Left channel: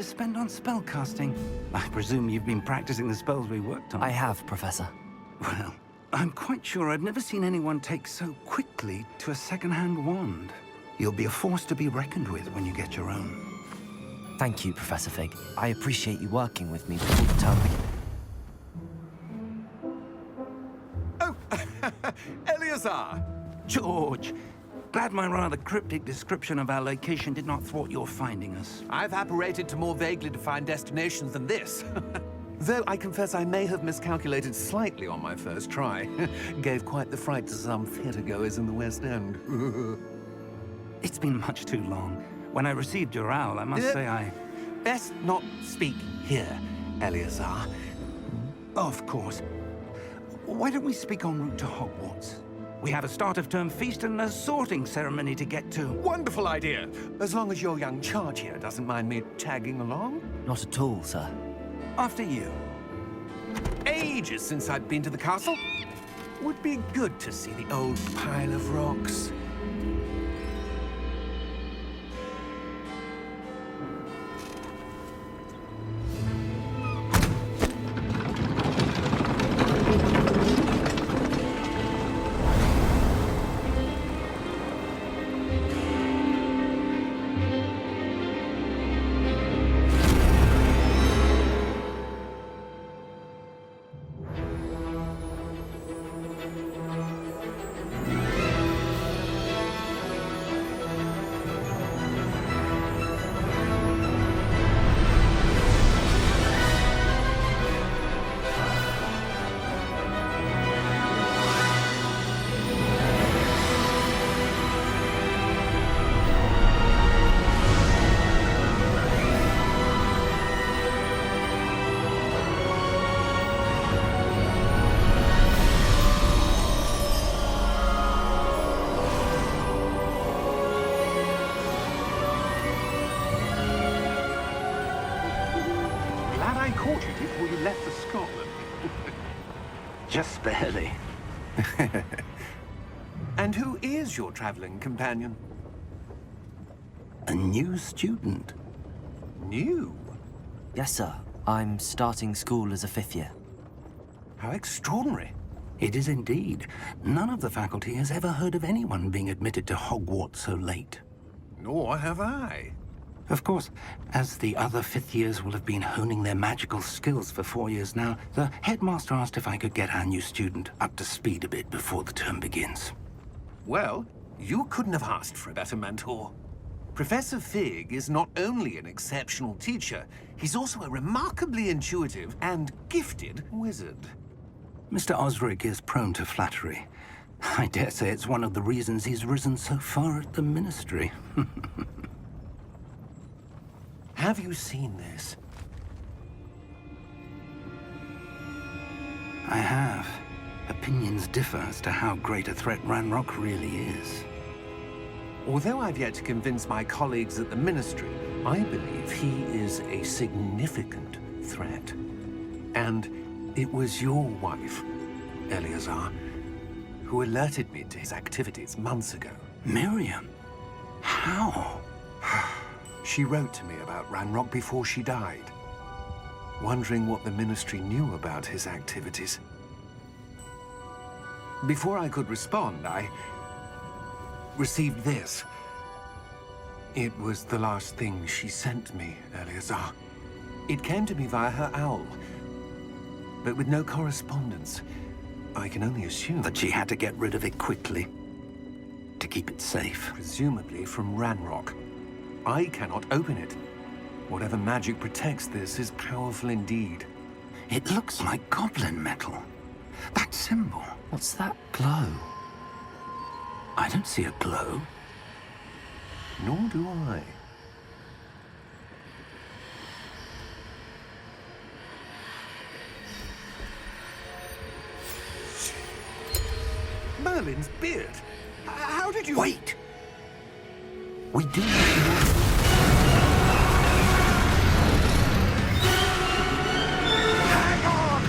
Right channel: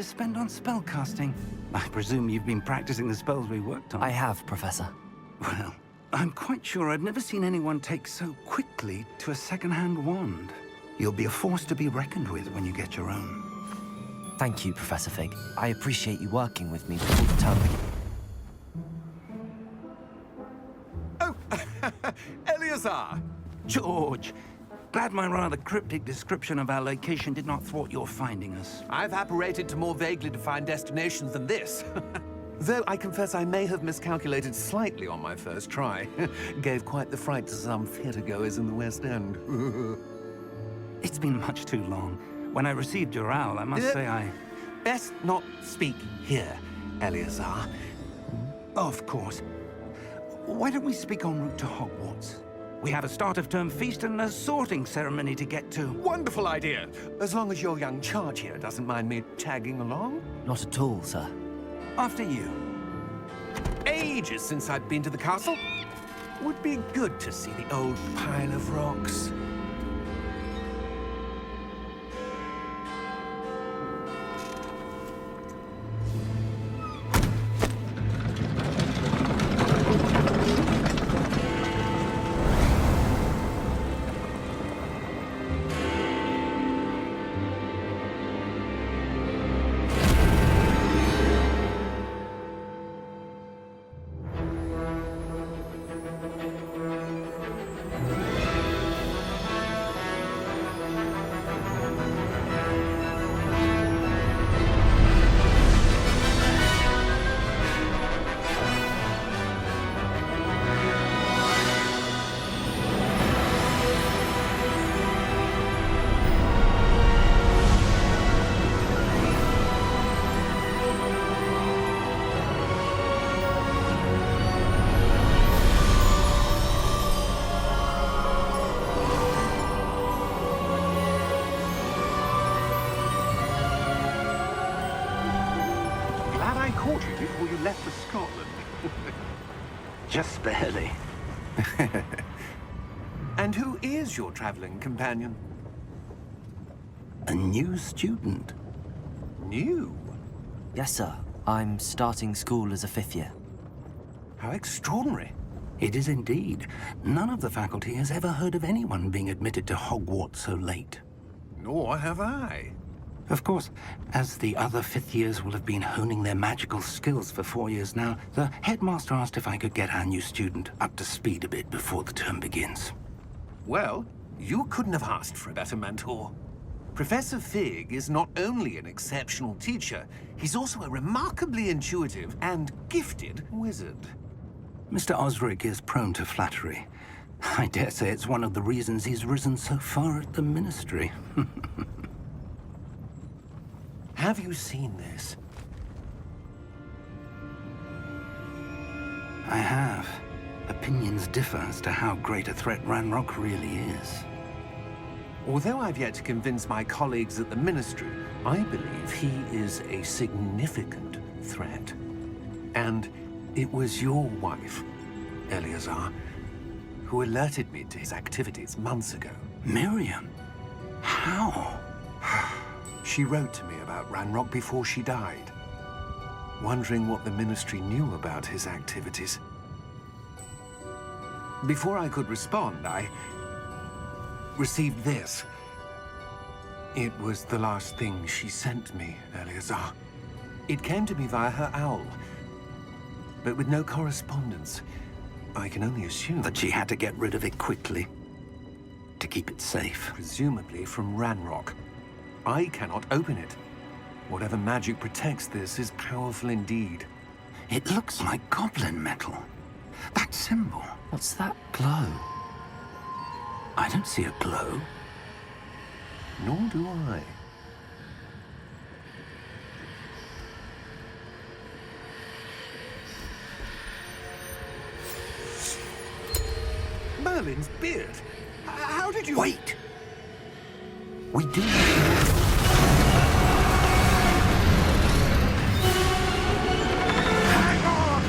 to spend on spellcasting. I presume you've been practicing the spells we worked on. I have, Professor. Well, I'm quite sure I've never seen anyone take so quickly to a second-hand wand. You'll be a force to be reckoned with when you get your own. Thank you, Professor Fig. I appreciate you working with me before the term begins. Oh, Eleazar! George, glad my rather cryptic description of our location did not thwart your finding us. I've apparated to more vaguely defined destinations than this. Though I confess I may have miscalculated slightly on my first try. Gave quite the fright to some theatre-goers in the West End. It's been much too long. When I received your owl, I must say I... Best not speak here, Eleazar. Of course. Why don't we speak en route to Hogwarts? We have a start-of-term feast and a sorting ceremony to get to. Wonderful idea! As long as your young charge here doesn't mind me tagging along. Not at all, sir. After you. Ages since I'd been to the castle. Would be good to see the old pile of rocks. Glad I caught you before you left for Scotland. Just barely. And who is your traveling companion? A new student. New? Yes, sir. I'm starting school as a 5th year. How extraordinary. It is indeed. None of the faculty has ever heard of anyone being admitted to Hogwarts so late. Nor have I. Of course, as the other 5th years will have been honing their magical skills for 4 years now, the headmaster asked if I could get our new student up to speed a bit before the term begins. Well, you couldn't have asked for a better mentor. Professor Fig is not only an exceptional teacher, he's also a remarkably intuitive and gifted wizard. Mr. Osric is prone to flattery. I dare say it's one of the reasons he's risen so far at the Ministry. Have you seen this? I have. Opinions differ as to how great a threat Ranrock really is. Although I've yet to convince my colleagues at the Ministry, I believe he is a significant threat. And it was your wife, Eleazar, who alerted me to his activities months ago. Miriam? How? She wrote to me about Ranrock before she died, wondering what the Ministry knew about his activities. Before I could respond, I received this. It was the last thing she sent me, Eleazar. It came to me via her owl, but with no correspondence. I can only assume That she had to get rid of it quickly, to keep it safe. presumably from Ranrock. I cannot open it. Whatever magic protects this is powerful indeed. It looks like goblin metal. That symbol. What's that glow? I don't see a glow. Nor do I. Merlin's beard. How did you... Wait! We do... Hang on!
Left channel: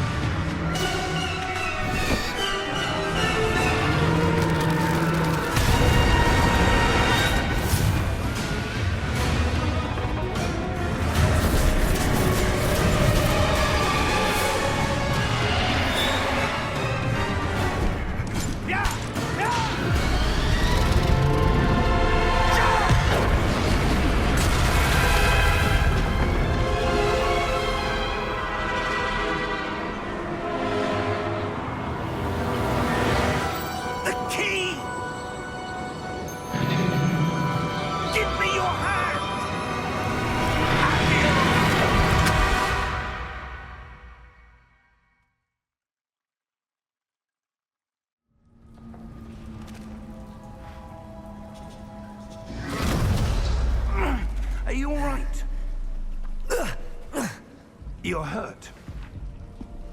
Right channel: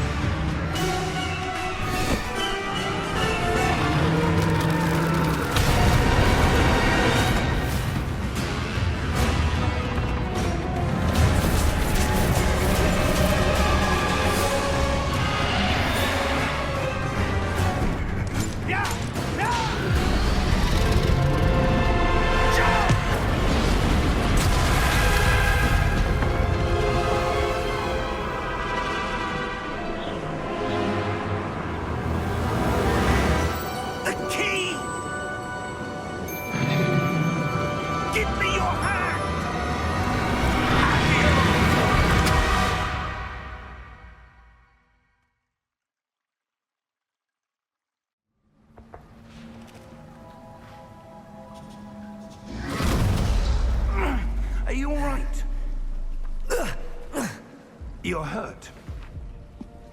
You're hurt.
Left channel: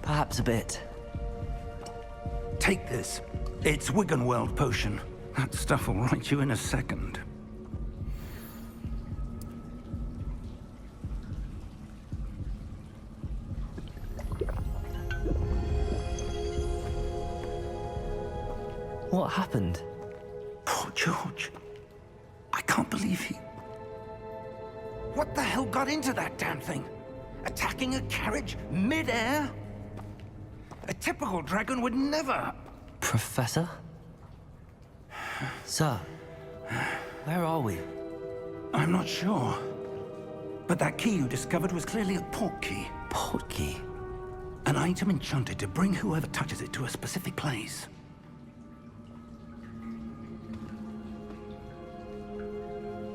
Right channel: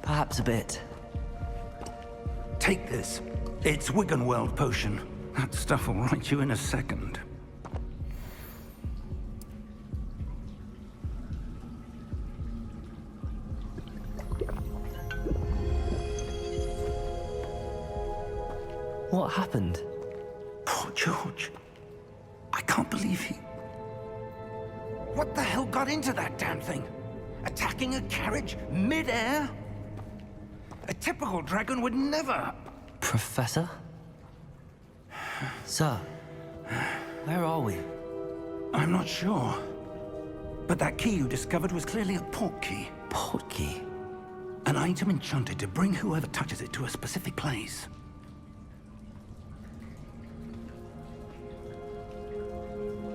Perhaps a bit. Take this. It's Wiggenweld potion. That stuff will right you in a second. What happened? Poor George. I can't believe he... What the hell got into that damn thing? Attacking a carriage mid-air? A typical dragon would never... Professor? Sir, where are we? I'm not sure. But that key you discovered was clearly a port key. Port key? An item enchanted to bring whoever touches it to a specific place.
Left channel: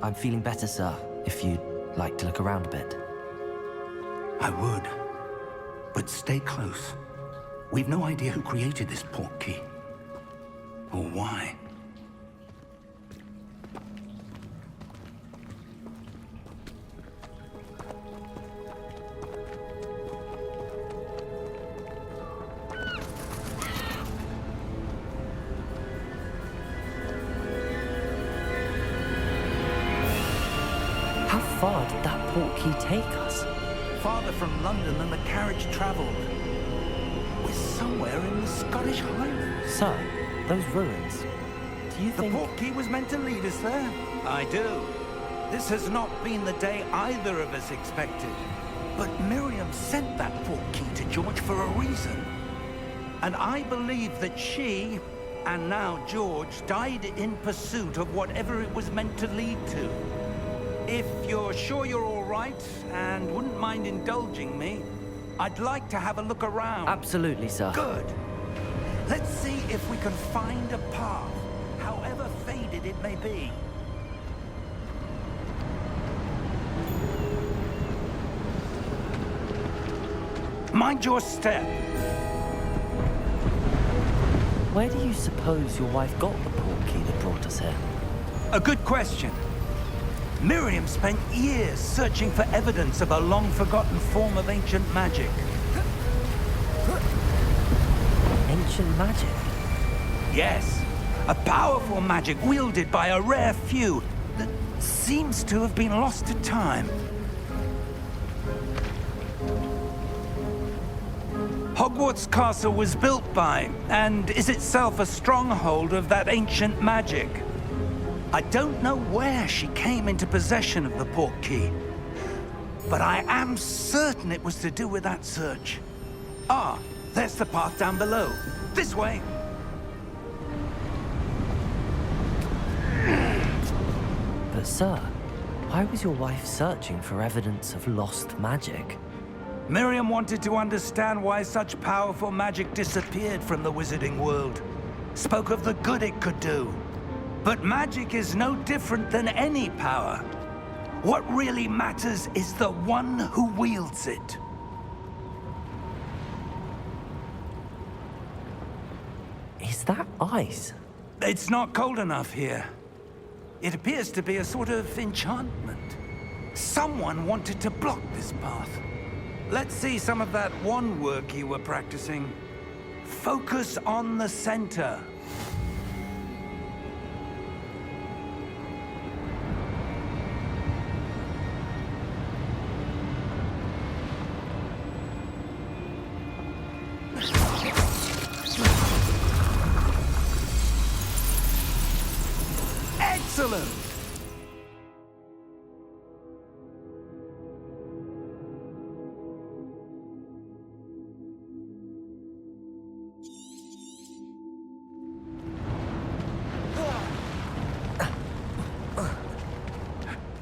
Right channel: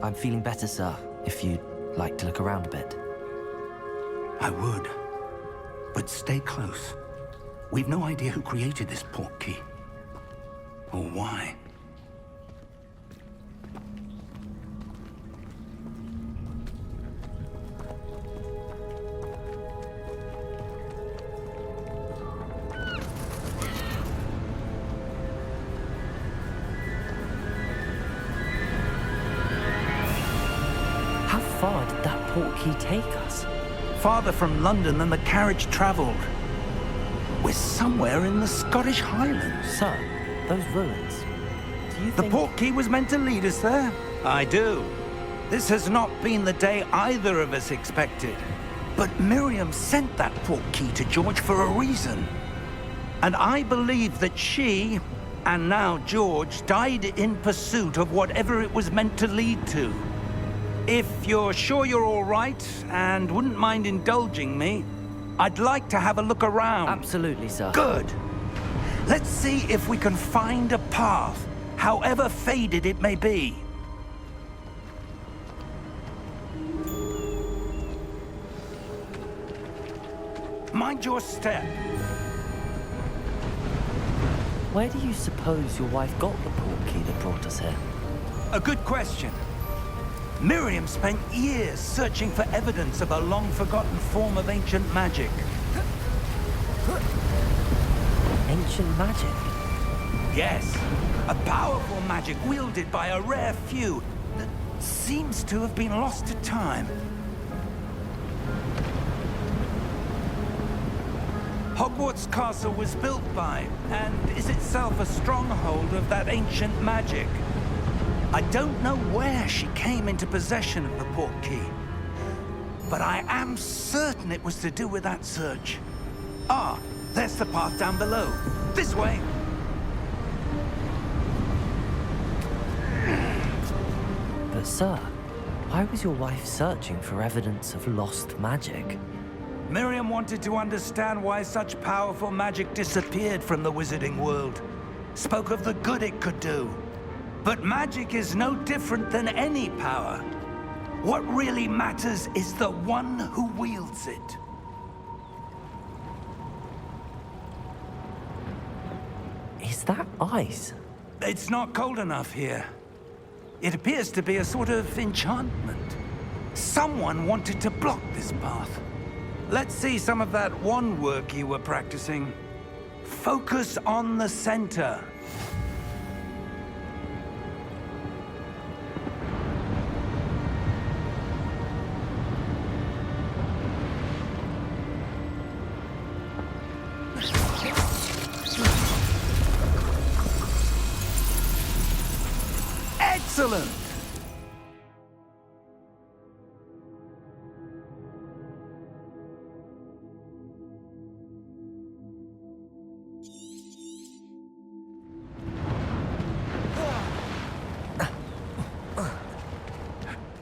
I'm feeling better, sir, if you'd like to look around a bit. I would. But stay close. We've no idea who created this port key. Or why. How far did that port key take us? Farther from London than the carriage traveled. We're somewhere in the Scottish Highlands. Sir, those ruins. Do you The think... port key was meant to lead us there? I do. This has not been the day either of us expected. But Miriam sent that port key to George for a reason. And I believe that she, and now George, died in pursuit of whatever it was meant to lead to. If you're sure you're all right and wouldn't mind indulging me, I'd like to have a look around. Absolutely, sir. Good. Let's see if we can find a path, however faded it may be. Mind your step. Where do you suppose your wife got the port key that brought us here? A good question. Miriam spent years searching for evidence of a long-forgotten form of ancient magic. Ancient magic? Yes, a powerful magic wielded by a rare few that seems to have been lost to time. Hogwarts Castle was built by, and is itself a stronghold of that ancient magic. I don't know where she came into possession of the port key, but I am certain it was to do with that search. Ah, there's the path down below. This way. But sir, why was your wife searching for evidence of lost magic? Miriam wanted to understand why such powerful magic disappeared from the wizarding world. Spoke of the good it could do. But magic is no different than any power. What really matters is the one who wields it. Is that ice? It's not cold enough here. It appears to be a sort of enchantment. Someone wanted to block this path. Let's see some of that wand work you were practicing. Focus on the center. Excellent!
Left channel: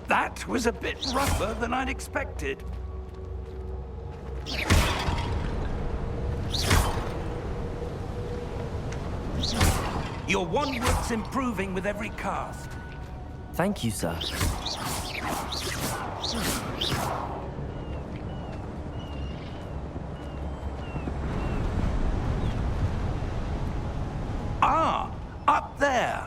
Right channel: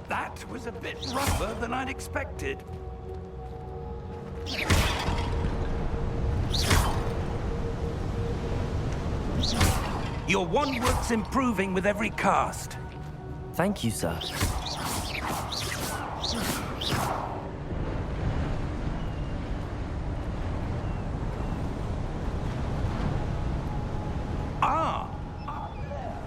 That was a bit rougher than I'd expected. Your wand work's improving with every cast. Thank you, sir. Ah, up there.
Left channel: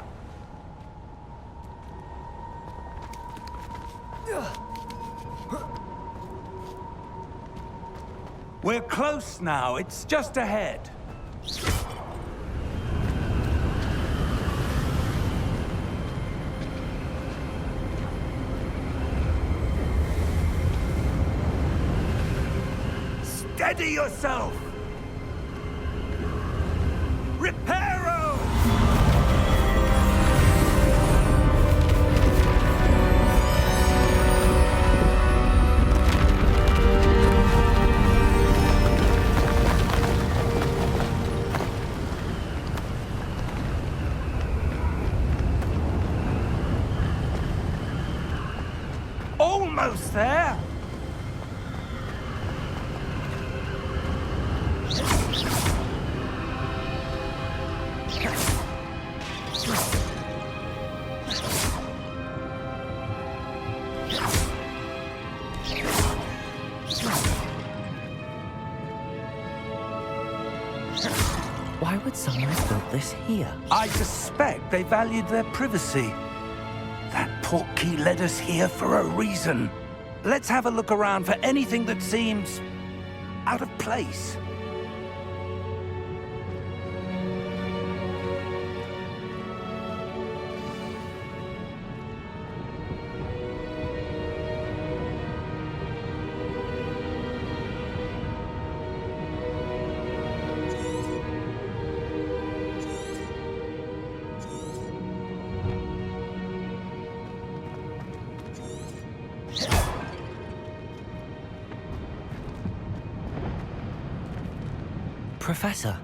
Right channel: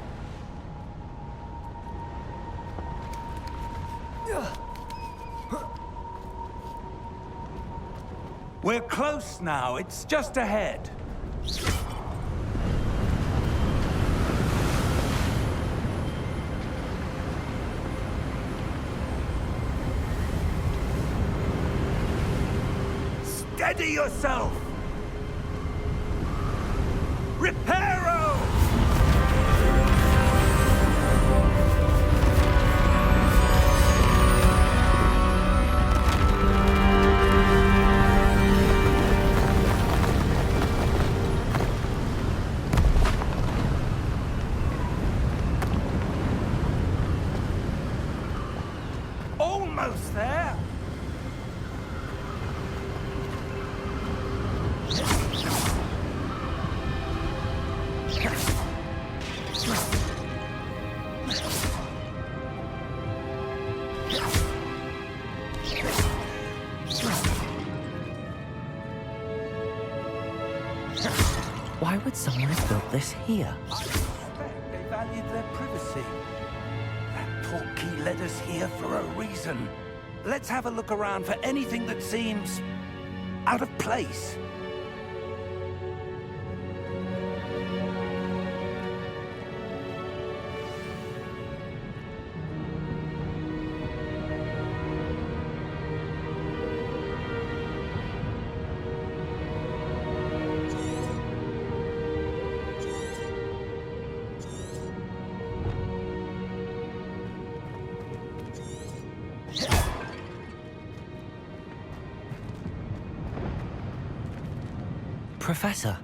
We're close now. It's just ahead. Steady yourself! Reparo! Almost there! Why would someone have built this here? I suspect they valued their privacy. That portkey led us here for a reason. Let's have a look around for anything that seems out of place. Professor,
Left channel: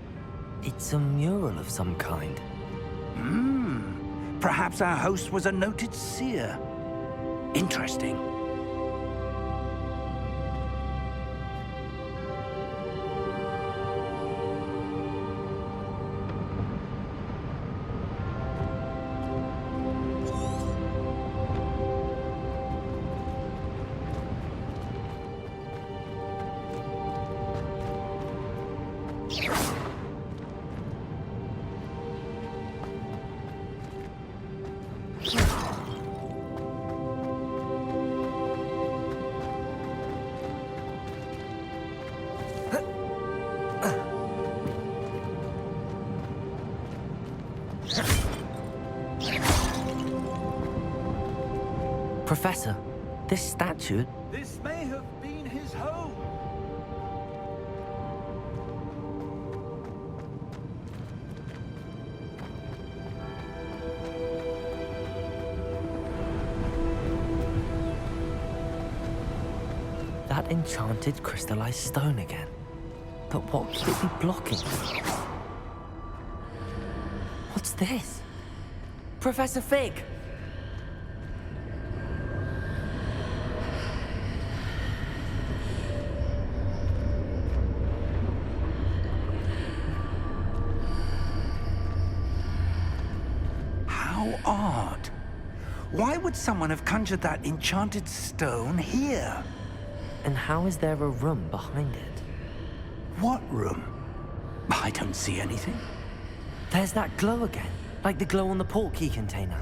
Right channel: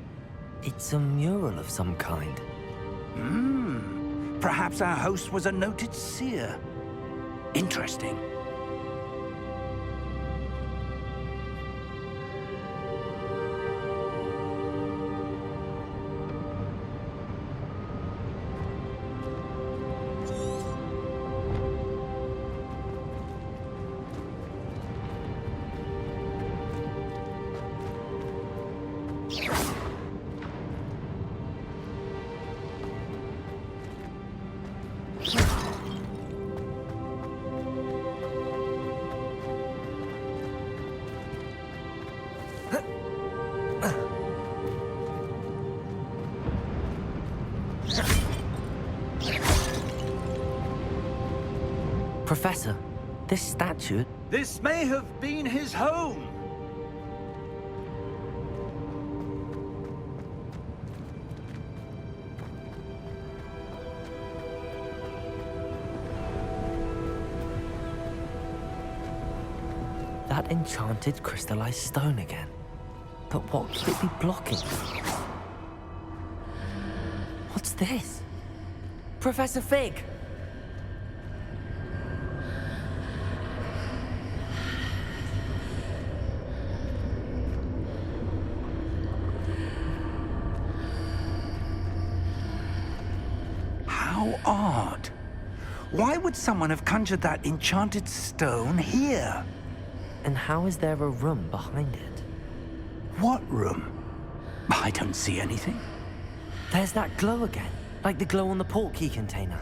it's a mural of some kind. Perhaps our host was a noted seer. Interesting. Professor, this statue... This may have been his home. That enchanted crystallized stone again. But what could it be blocking? What's this? Professor Fig! How odd. Why would someone have conjured that enchanted stone here? And how is there a room behind it? What room? I don't see anything. There's that glow again, like the glow on the portkey container.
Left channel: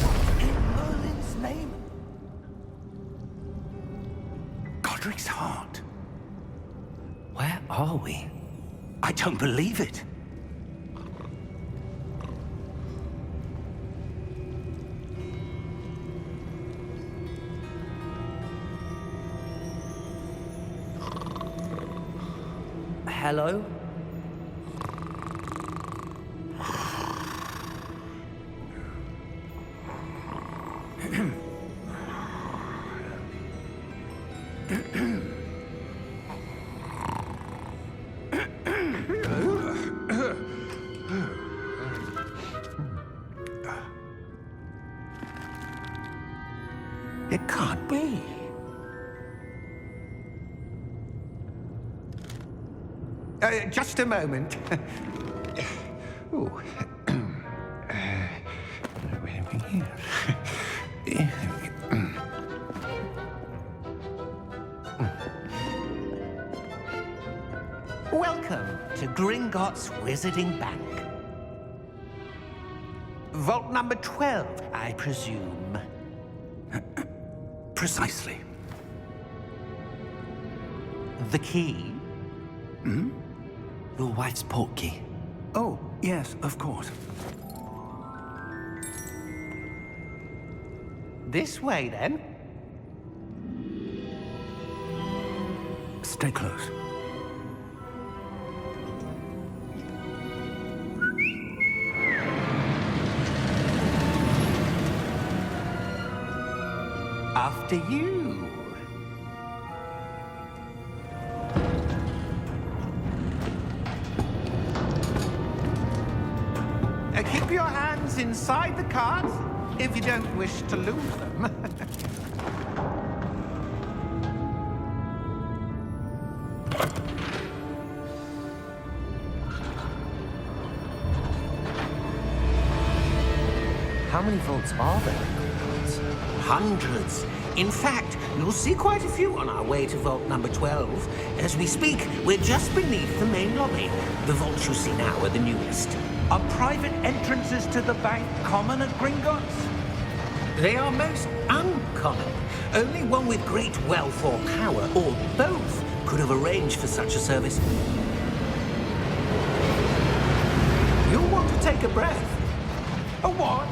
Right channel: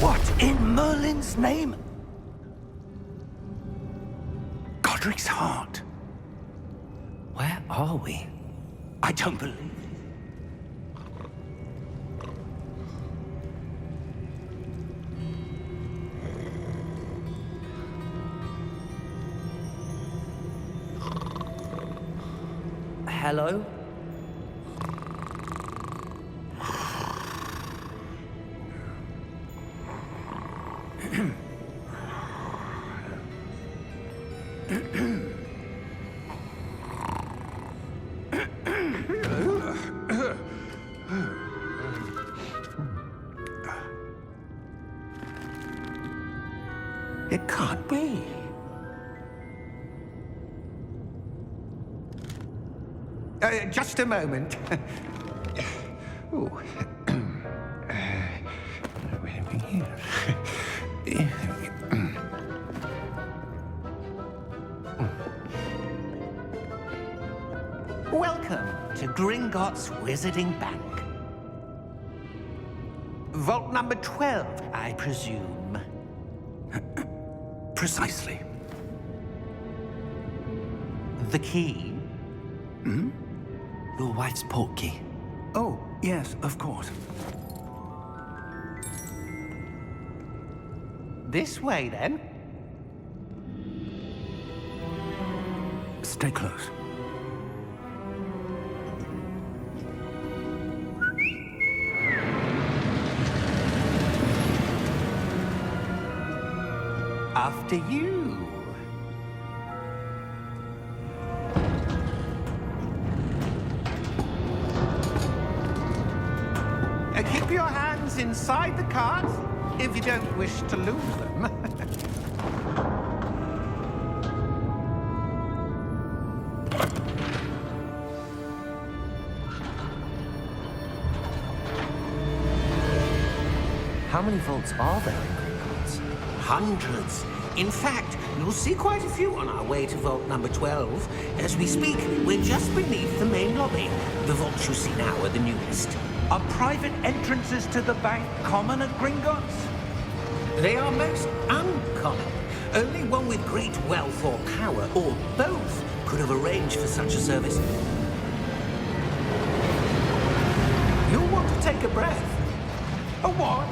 What in Merlin's name? Godric's heart. Where are we? I don't believe it. Hello? It can't be. Just a moment. Ooh. Wait a minute here. Welcome to Gringotts Wizarding Bank. Vault number 12, I presume. Precisely. The key? Your wife's portkey. Oh, yes, of course. This way, then. Stay close. After you. Keep your hands inside the cart if you don't wish to lose them. How many vaults are there in Gringotts? Hundreds. In fact, you'll see quite a few on our way to vault number 12. As we speak, we're just beneath the main lobby. The vaults you see now are the newest. Are private entrances to the bank common at Gringotts? They are most uncommon. Only one with great wealth or power, or both, could have arranged for such a service. You'll want to take a breath. A what?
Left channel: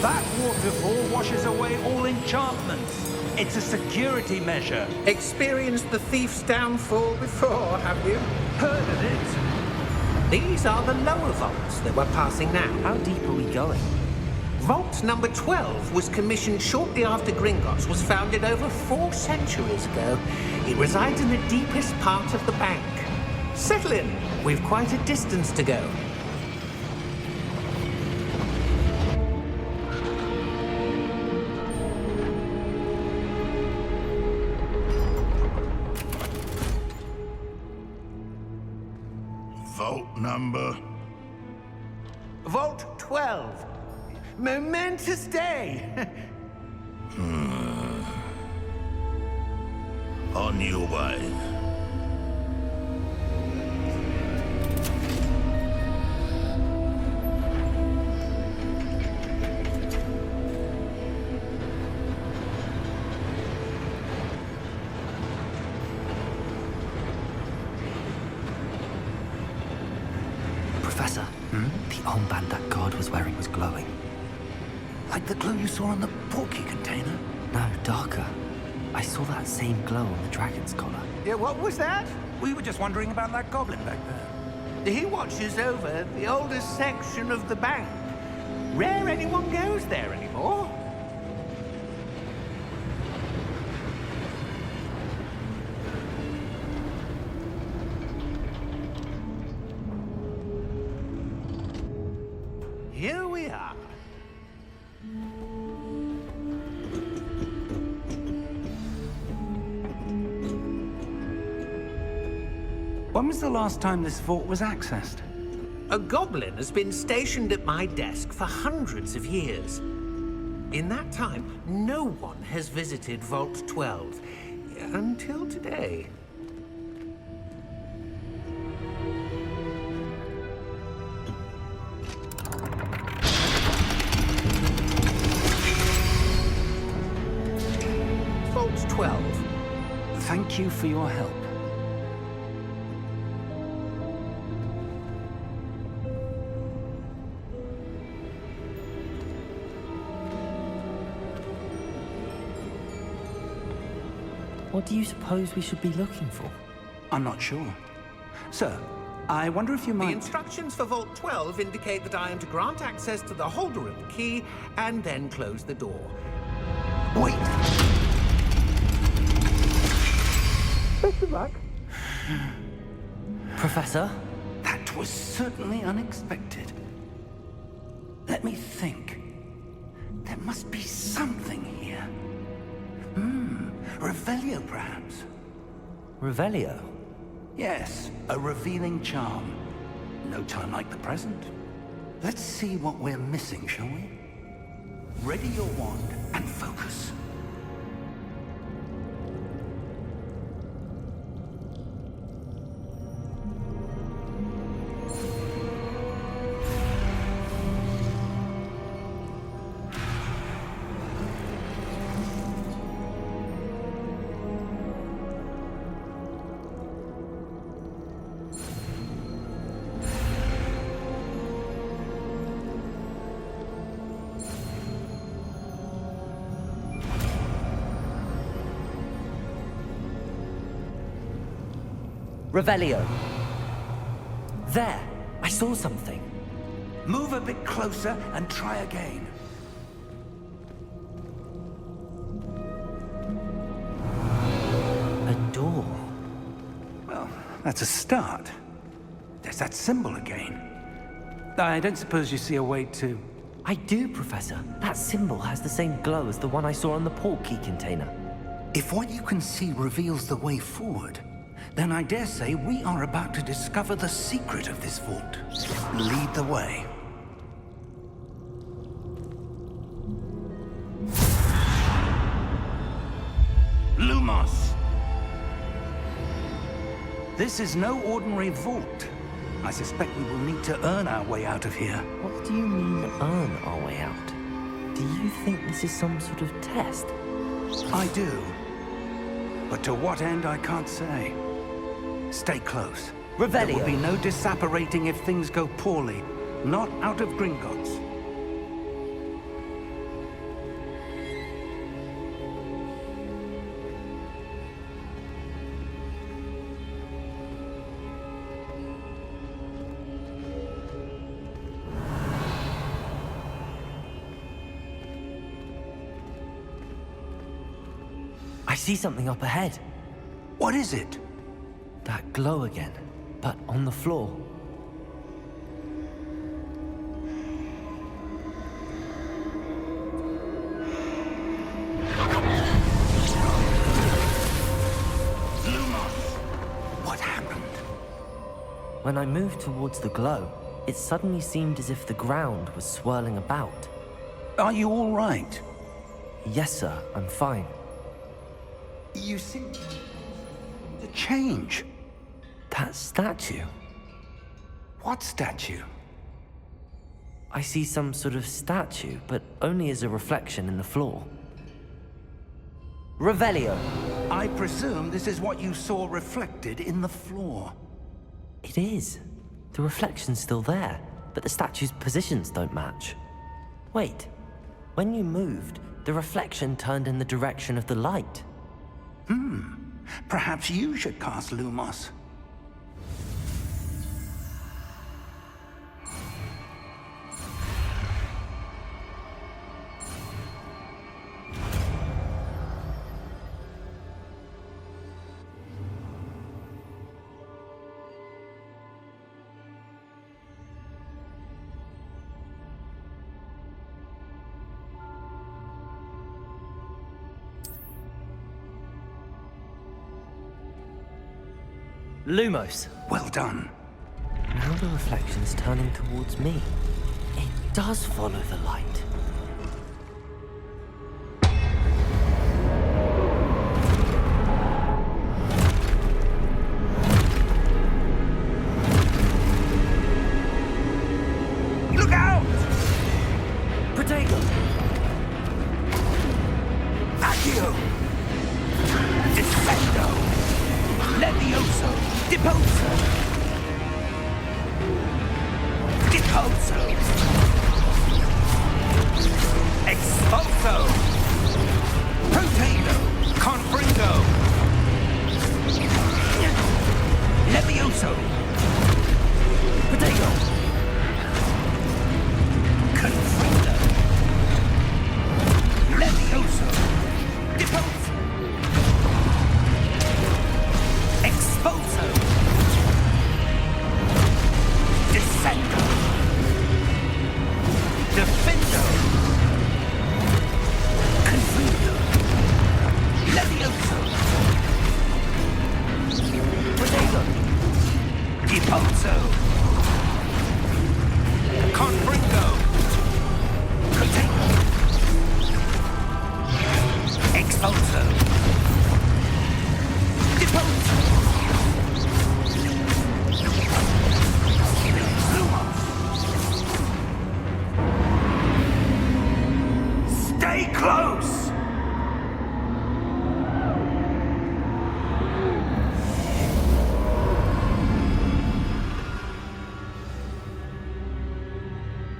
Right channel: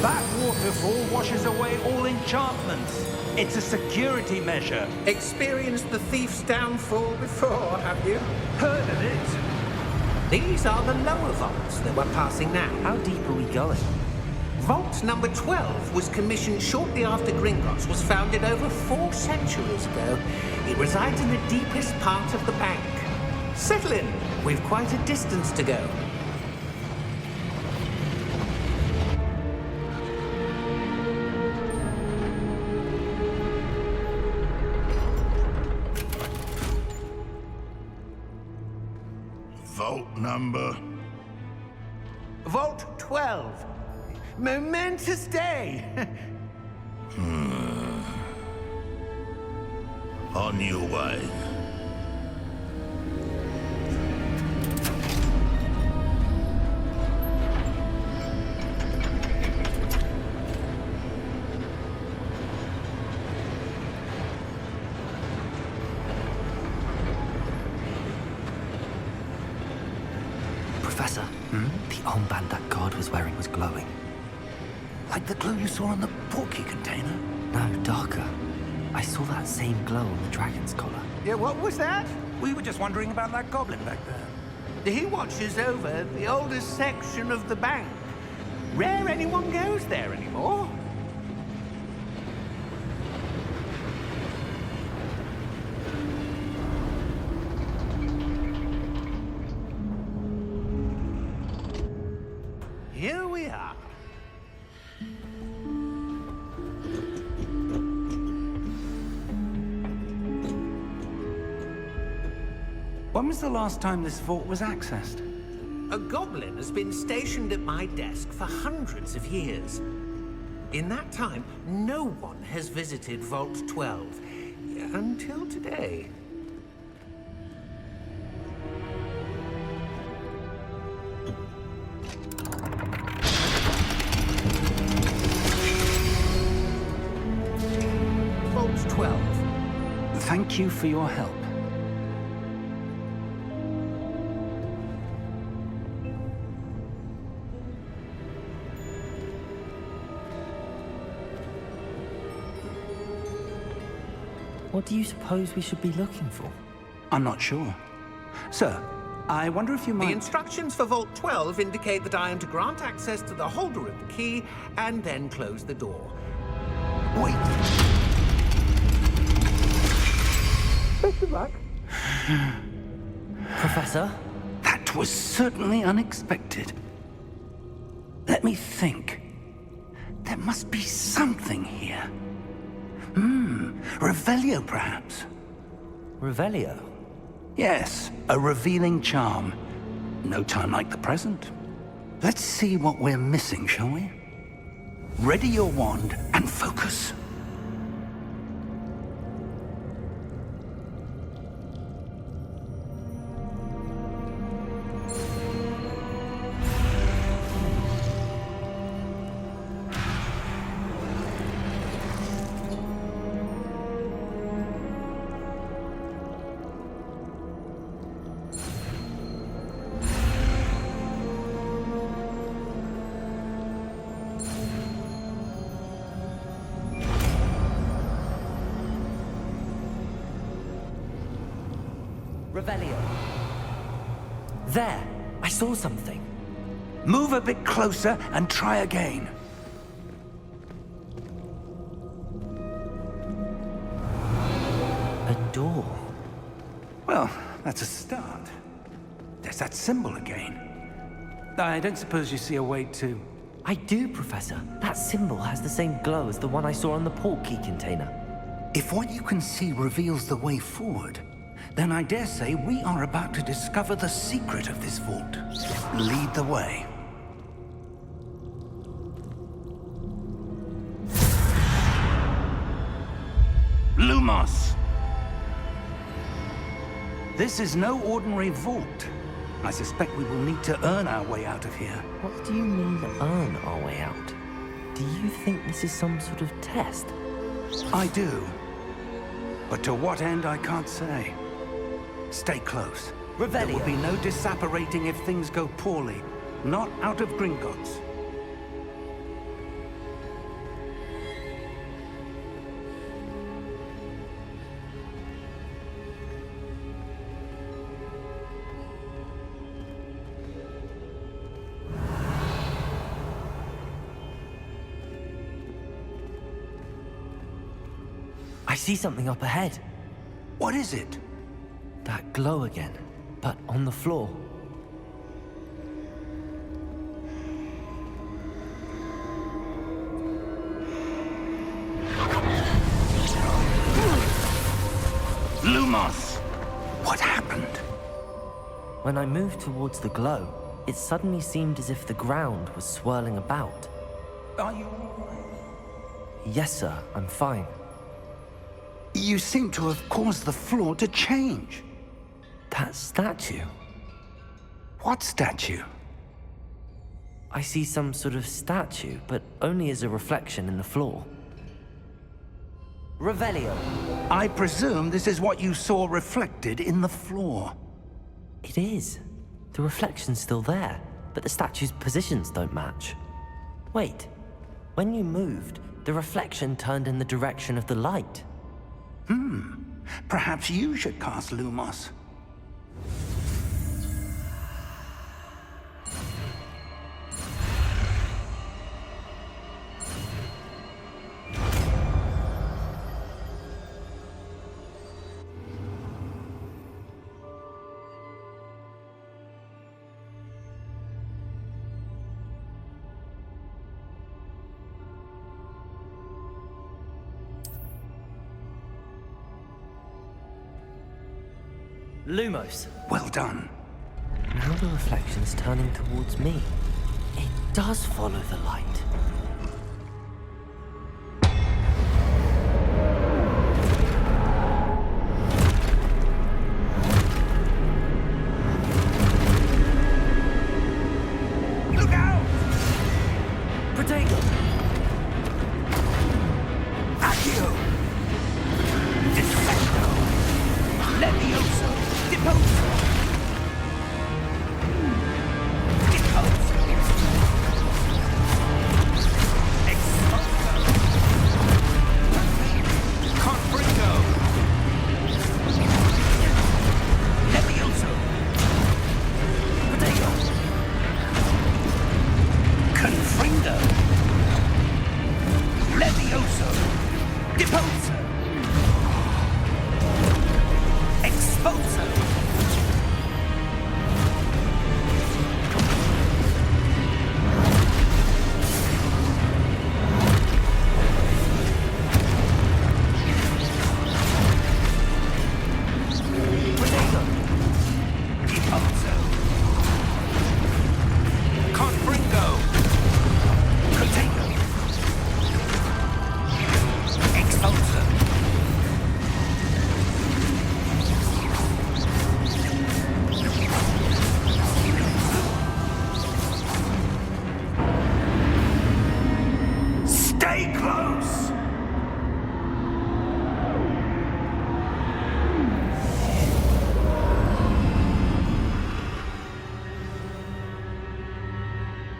That waterfall washes away all enchantments. It's a security measure. Experienced the thief's downfall before, have you? Heard of it? These are the lower vaults that we're passing now. How deep are we going? Vault number 12 was commissioned shortly after Gringotts was founded over 4 centuries ago. It resides in the deepest part of the bank. Settle in. We've quite a distance to go. Vault number? Vault 12. Momentous day. On your way. Professor, the armband that guard was wearing was glowing. Like the glow you saw on the portkey container? No, darker. I saw that same glow on the dragon's collar. Yeah, what was that? We were just wondering about that goblin back there. He watches over the oldest section of the bank. Rare anyone goes there anymore. Here we are. When was the last time this vault was accessed? A goblin has been stationed at my desk for hundreds of years. In that time, no one has visited Vault 12. Until today. Vault 12. Thank you for your help. What do you suppose we should be looking for? I'm not sure. Sir, I wonder if you The might... instructions for Vault 12 indicate that I am to grant access to the holder of the key and then close the door. Wait! Best of luck. Professor? That was certainly unexpected. Let me think. There must be something here. Revelio, perhaps? Revelio? Yes, a revealing charm. No time like the present. Let's see what we're missing, shall we? Ready your wand and focus. Revelio. There! I saw something. Move a bit closer and try again. A door. Well, that's a start. There's that symbol again. I don't suppose you see a way to... I do, Professor. That symbol has the same glow as the one I saw on the portkey container. If what you can see reveals the way forward, then I dare say we are about to discover the secret of this vault. Lead the way. Lumos! This is no ordinary vault. I suspect we will need to earn our way out of here. What do you mean, earn our way out? Do you think this is some sort of test? I do. But to what end, I can't say. Stay close. Revelio. There will be no disapparating if things go poorly. Not out of Gringotts. I see something up ahead. What is it? That glow again, but on the floor. Lumos! What happened? When I moved towards the glow, it suddenly seemed as if the ground was swirling about. Are you all right? Yes, sir, I'm fine. You seem to have caused the floor to change. That statue. What statue? I see some sort of statue, but only as a reflection in the floor. Revelio. I presume this is what you saw reflected in the floor. It is. The reflection's still there, but the statue's positions don't match. Wait. When you moved, the reflection turned in the direction of the light. Perhaps you should cast Lumos. Lumos. Well done. Now the reflection's turning towards me. It does follow the light. Look out! Protego! Accio! Descendo! Levioso! Deposo! Deposo! Expulso! Protego! Confringo! Levioso! Protego! Confringo! Levioso! Deposo! Expulso! Descendo! Defendo! Confringo! Levioso! Protego! Deposo! Confringo! Protego! Expulso! Stay close!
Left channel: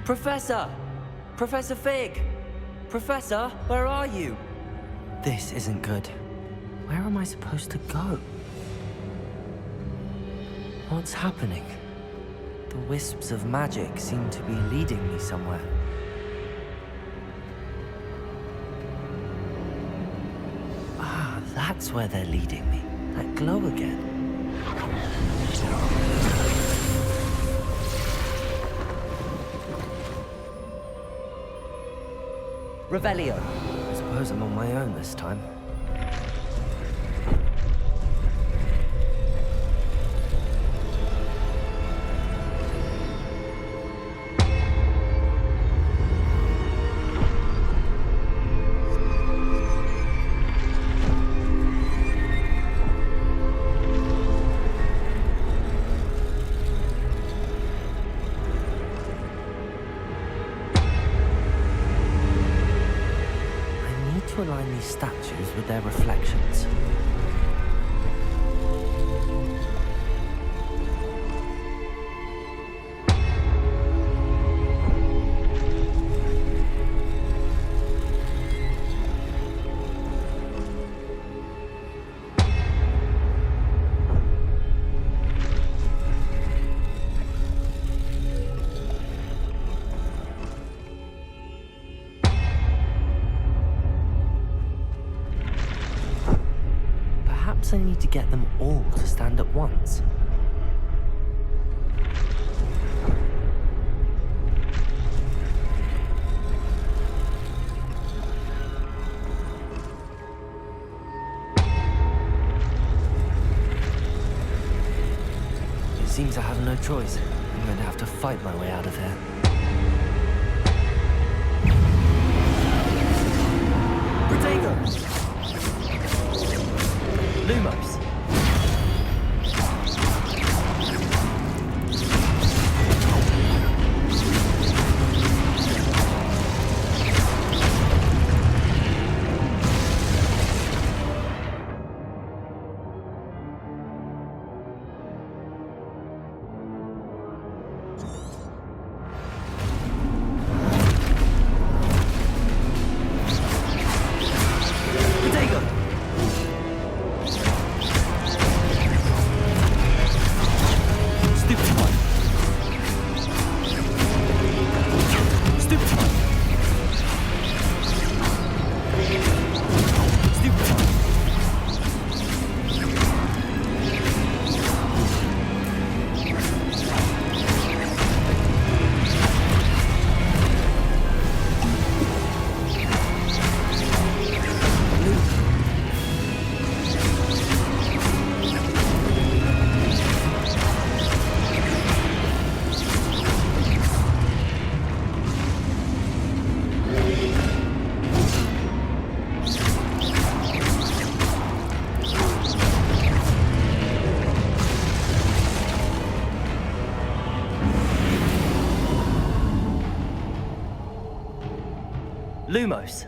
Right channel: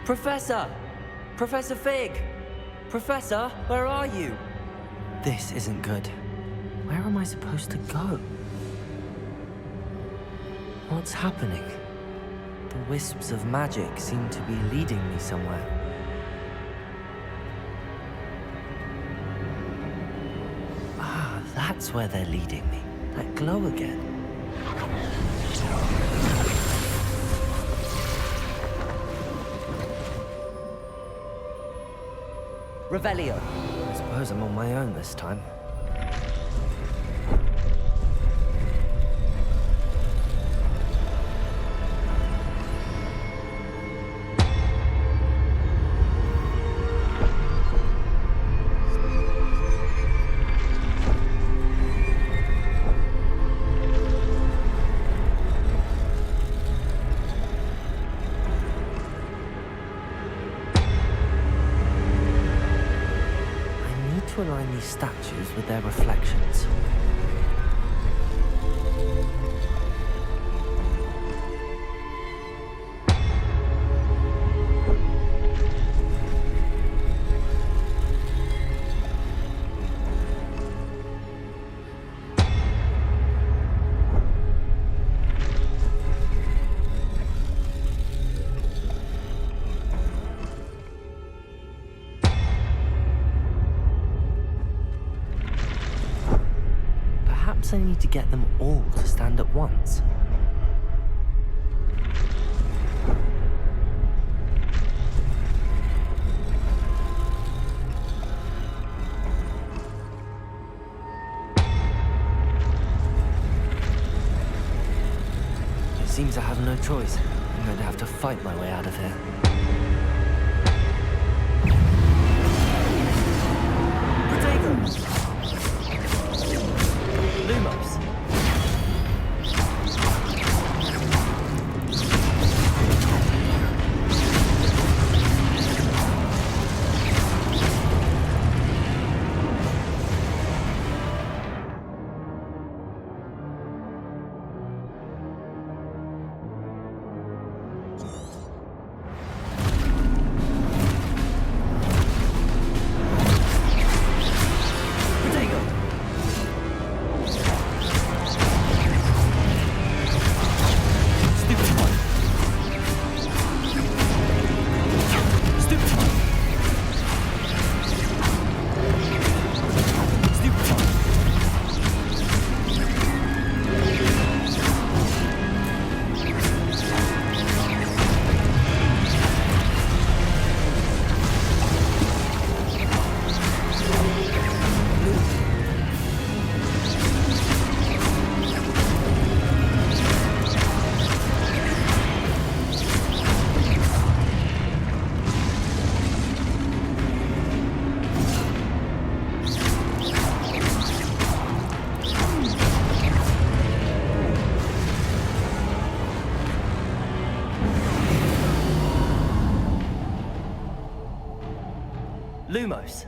Professor! Professor Fig! Professor, where are you? This isn't good. Where am I supposed to go? What's happening? The wisps of magic seem to be leading me somewhere. Ah, that's where they're leading me. That glow again. Revelio. I suppose I'm on my own this time. To align these statues with their reflections. I need to get them all to stand at once. It seems I have no choice. I'm going to have to fight my way out of here. Protego! Lumos. Lumos.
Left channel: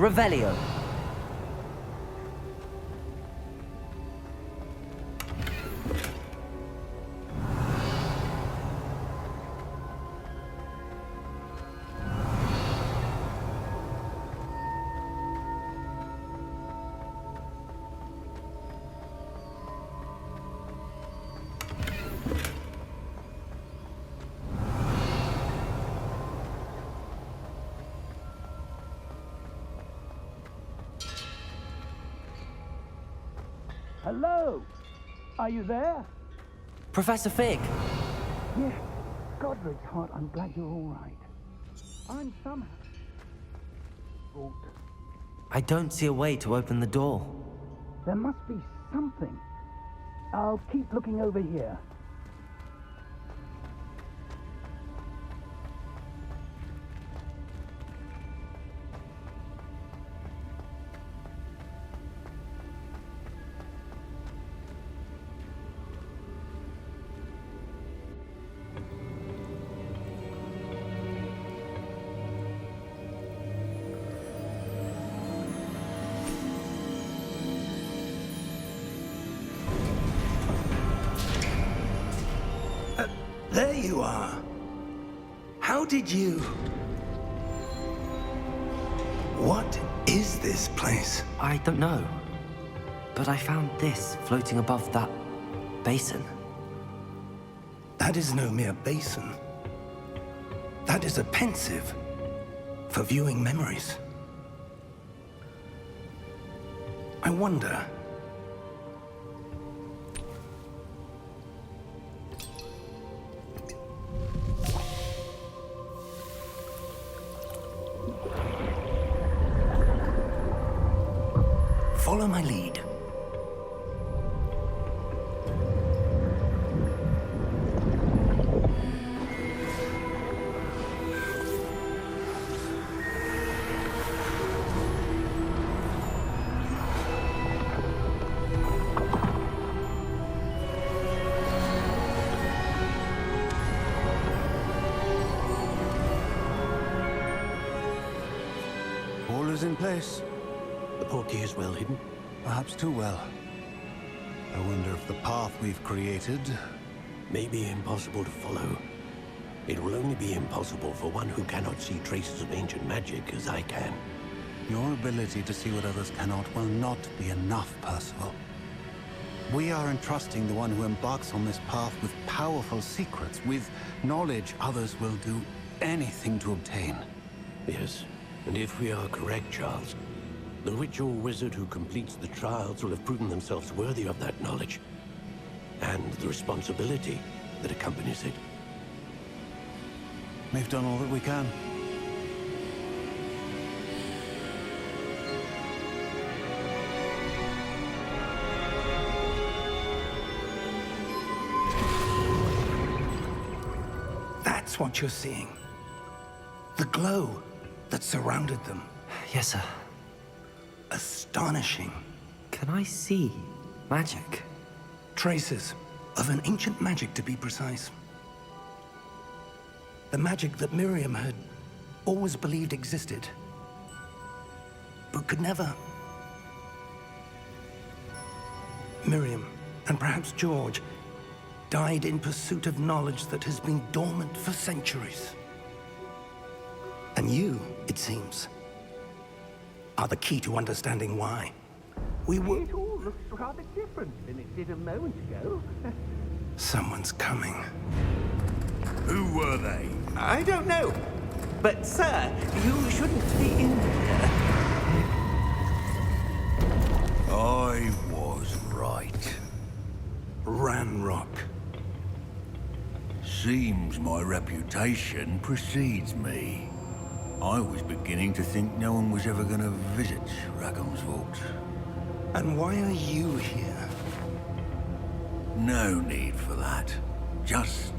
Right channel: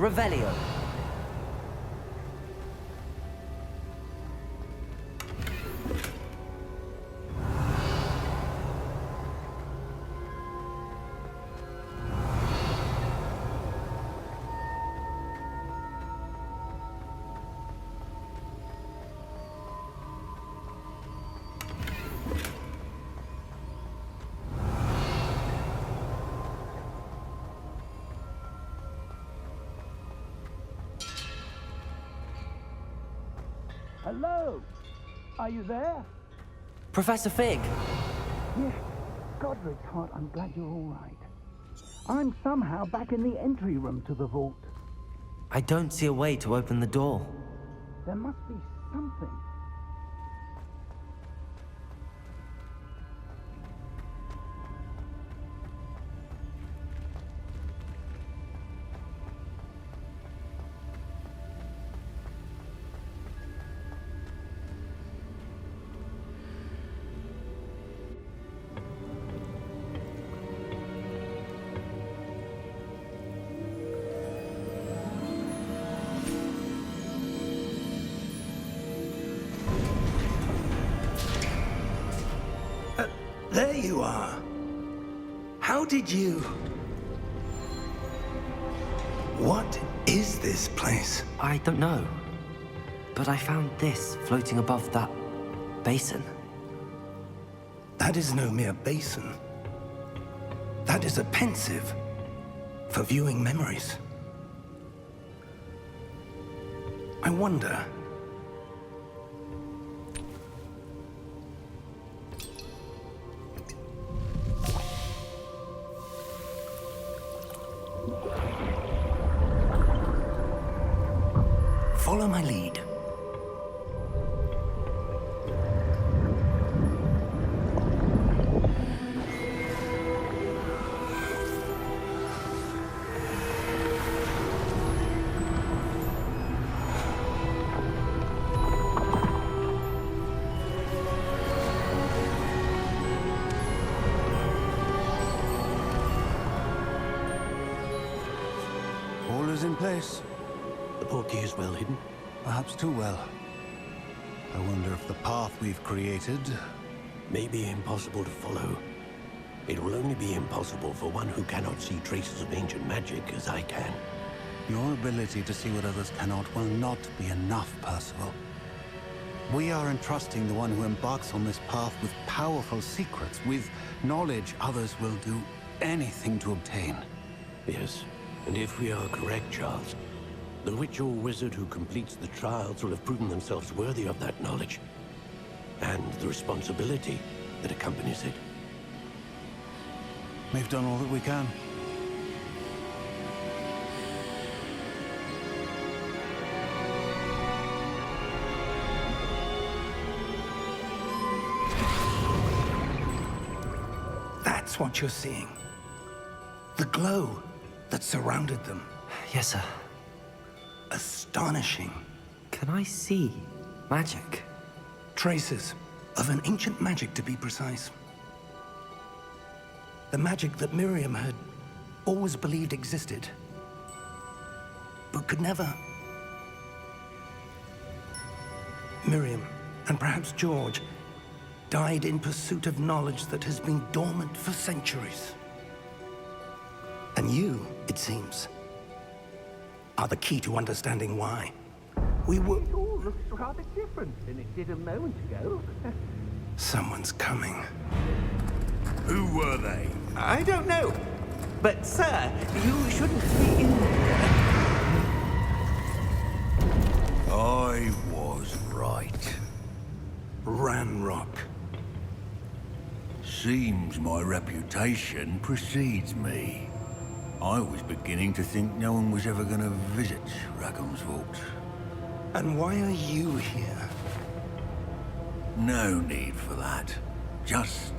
Revelio. Hello? Are you there? Professor Fig. Yes. Godric's heart, I'm glad you're all right. I'm somehow back in the entry room to the vault. I don't see a way to open the door. There must be something. I'll keep looking over here. There you are. How did you... What is this place? I don't know. But I found this floating above that basin. That is no mere basin. That is a pensive for viewing memories. I wonder... Follow my lead. All is in place. The portkey is well hidden. Perhaps too well. I wonder if the path we've created... May be impossible to follow. It will only be impossible for one who cannot see traces of ancient magic as I can. Your ability to see what others cannot will not be enough, Percival. We are entrusting the one who embarks on this path with powerful secrets, with knowledge others will do anything to obtain. Yes, and if we are correct, Charles, the witch or wizard who completes the trials will have proven themselves worthy of that knowledge, and the responsibility that accompanies it. We've done all that we can. That's what you're seeing. The glow that surrounded them. Yes, sir. Astonishing. Can I see magic? Traces of an ancient magic, to be precise. The magic that Miriam had always believed existed, but could never. Miriam, and perhaps George, died in pursuit of knowledge that has been dormant for centuries. And you, it seems, are the key to understanding why. We were... It all looks rather different than it did a moment ago. Someone's coming. Who were they? I don't know. But, sir, you shouldn't be in here. I was right. Ranrock. Seems my reputation precedes me. I was beginning to think no one was ever going to visit Rackham's vault. And why are you here? No need for that. Just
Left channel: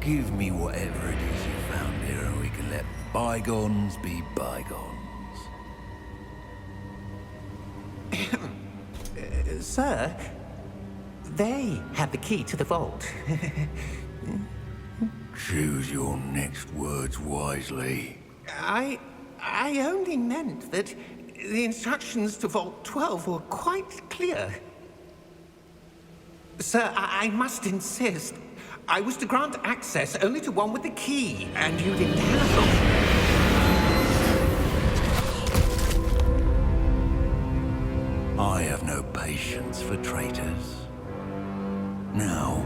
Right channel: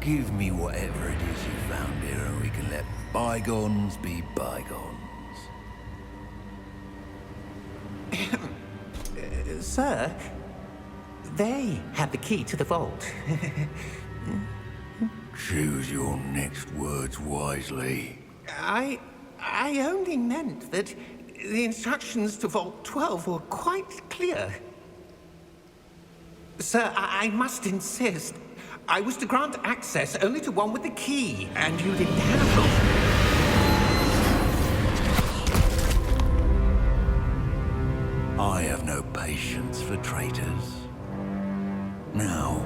give me whatever it is you found here and we can let bygones be bygones. Sir, they had the key to the vault. Choose your next words wisely. I only meant that the instructions to Vault 12 were quite clear. Sir, I must insist. I was to grant access only to one with the key, and you didn't have it. I have no patience for traitors. Now,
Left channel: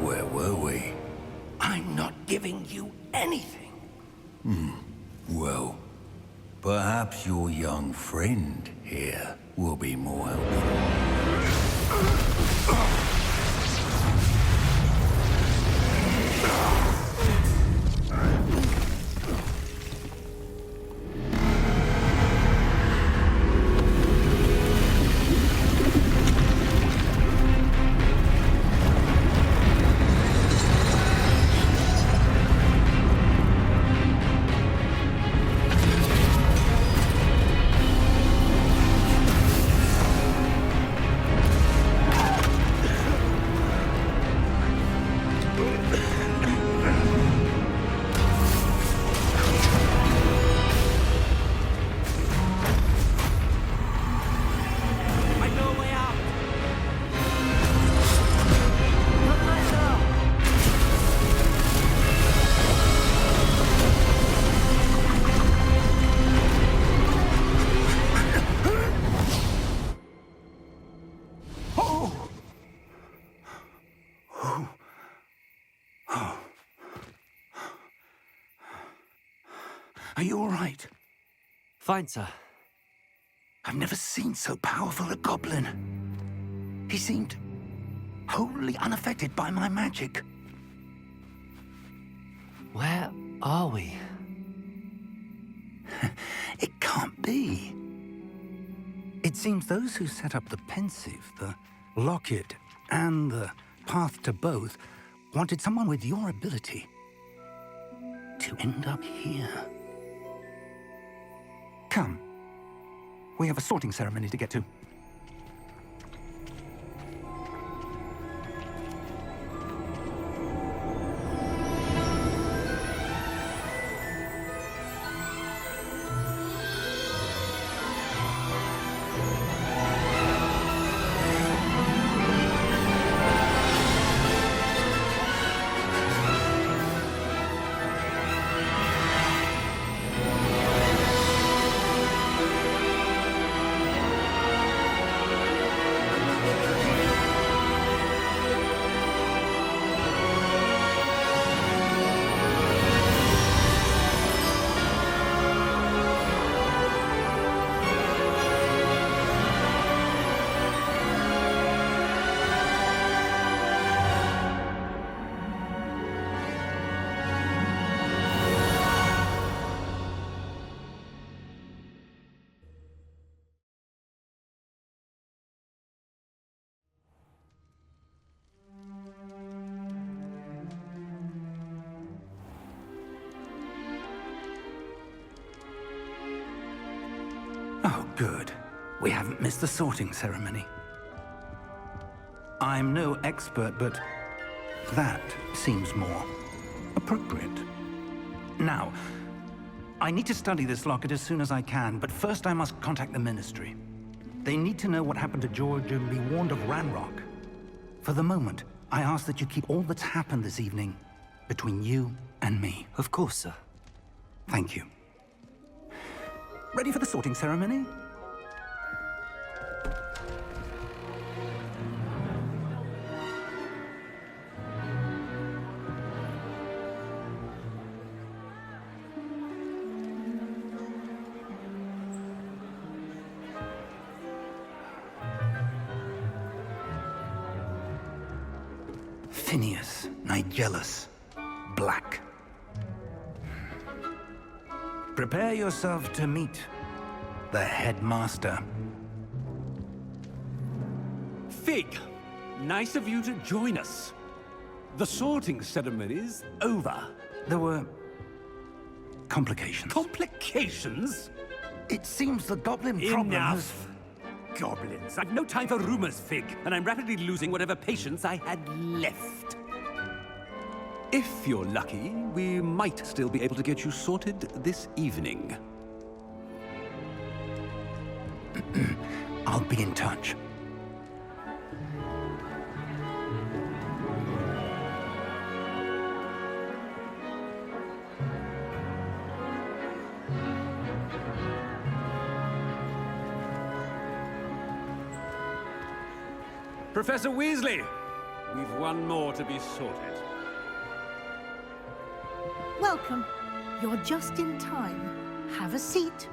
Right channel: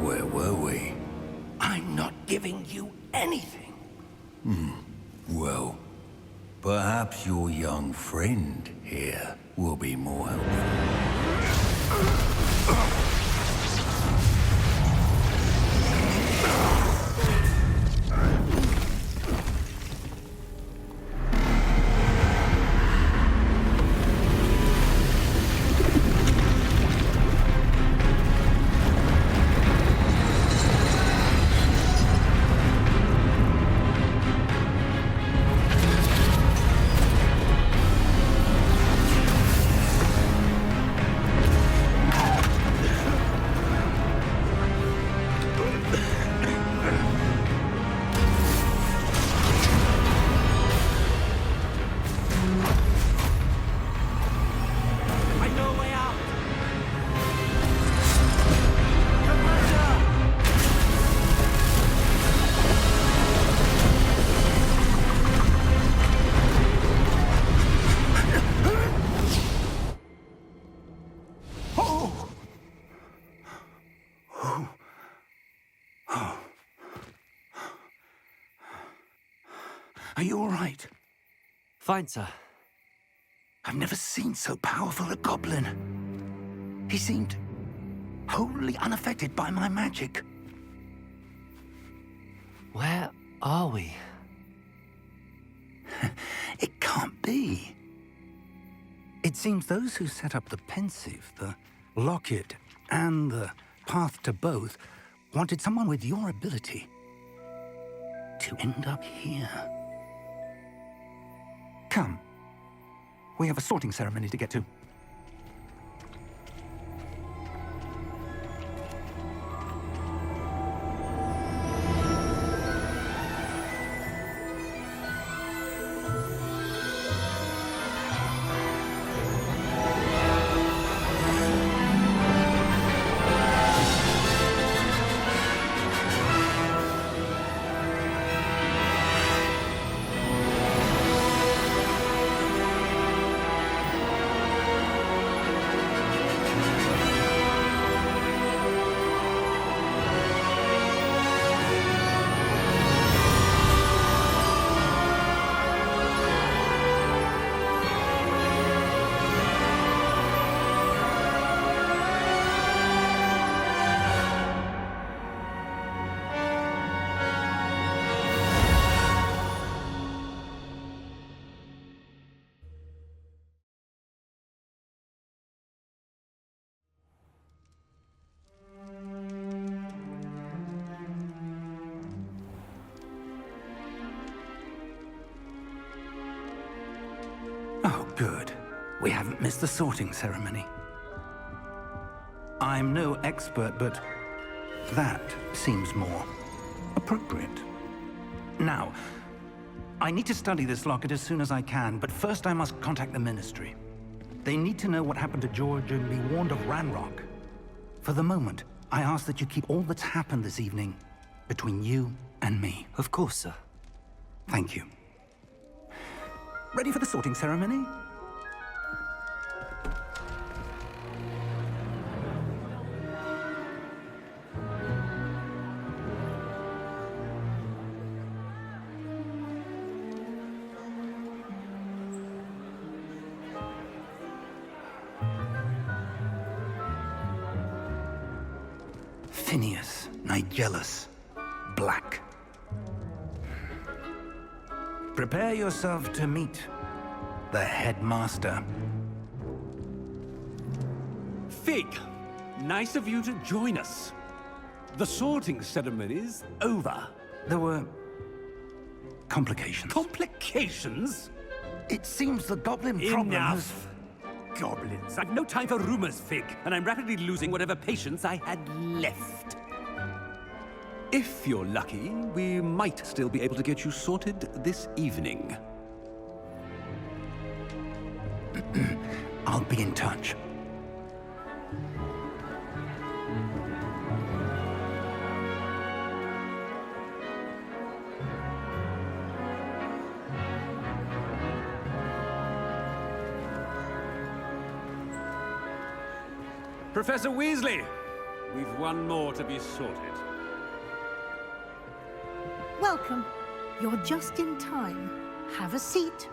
where were we? I'm not giving you anything. Well, perhaps your young friend here will be more helpful. Are you all right? Fine, sir. I've never seen so powerful a goblin. He seemed wholly unaffected by my magic. Where are we? It can't be. It seems those who set up the pensive, the locket, and the path to both wanted someone with your ability to end up here. Come. We have a sorting ceremony to get to. Oh, good. We haven't missed the sorting ceremony. I'm no expert, but that seems more appropriate. Now, I need to study this locket as soon as I can, but first I must contact the Ministry. They need to know what happened to George and be warned of Ranrock. For the moment, I ask that you keep all that's happened this evening between you and me. Of course, sir. Thank you. Ready for the sorting ceremony? Phineas, Nigellus, Black. Prepare yourself to meet the headmaster. Fig, nice of you to join us. The sorting ceremony's over. There were complications. Complications? It seems the goblin problem has... Enough! Goblins. I've no time for rumors, Fig, and I'm rapidly losing whatever patience I had left. If you're lucky, we might still be able to get you sorted this evening. I'll be in touch. Professor Weasley, we've one more to be sorted. Welcome. You're just in time. Have a seat.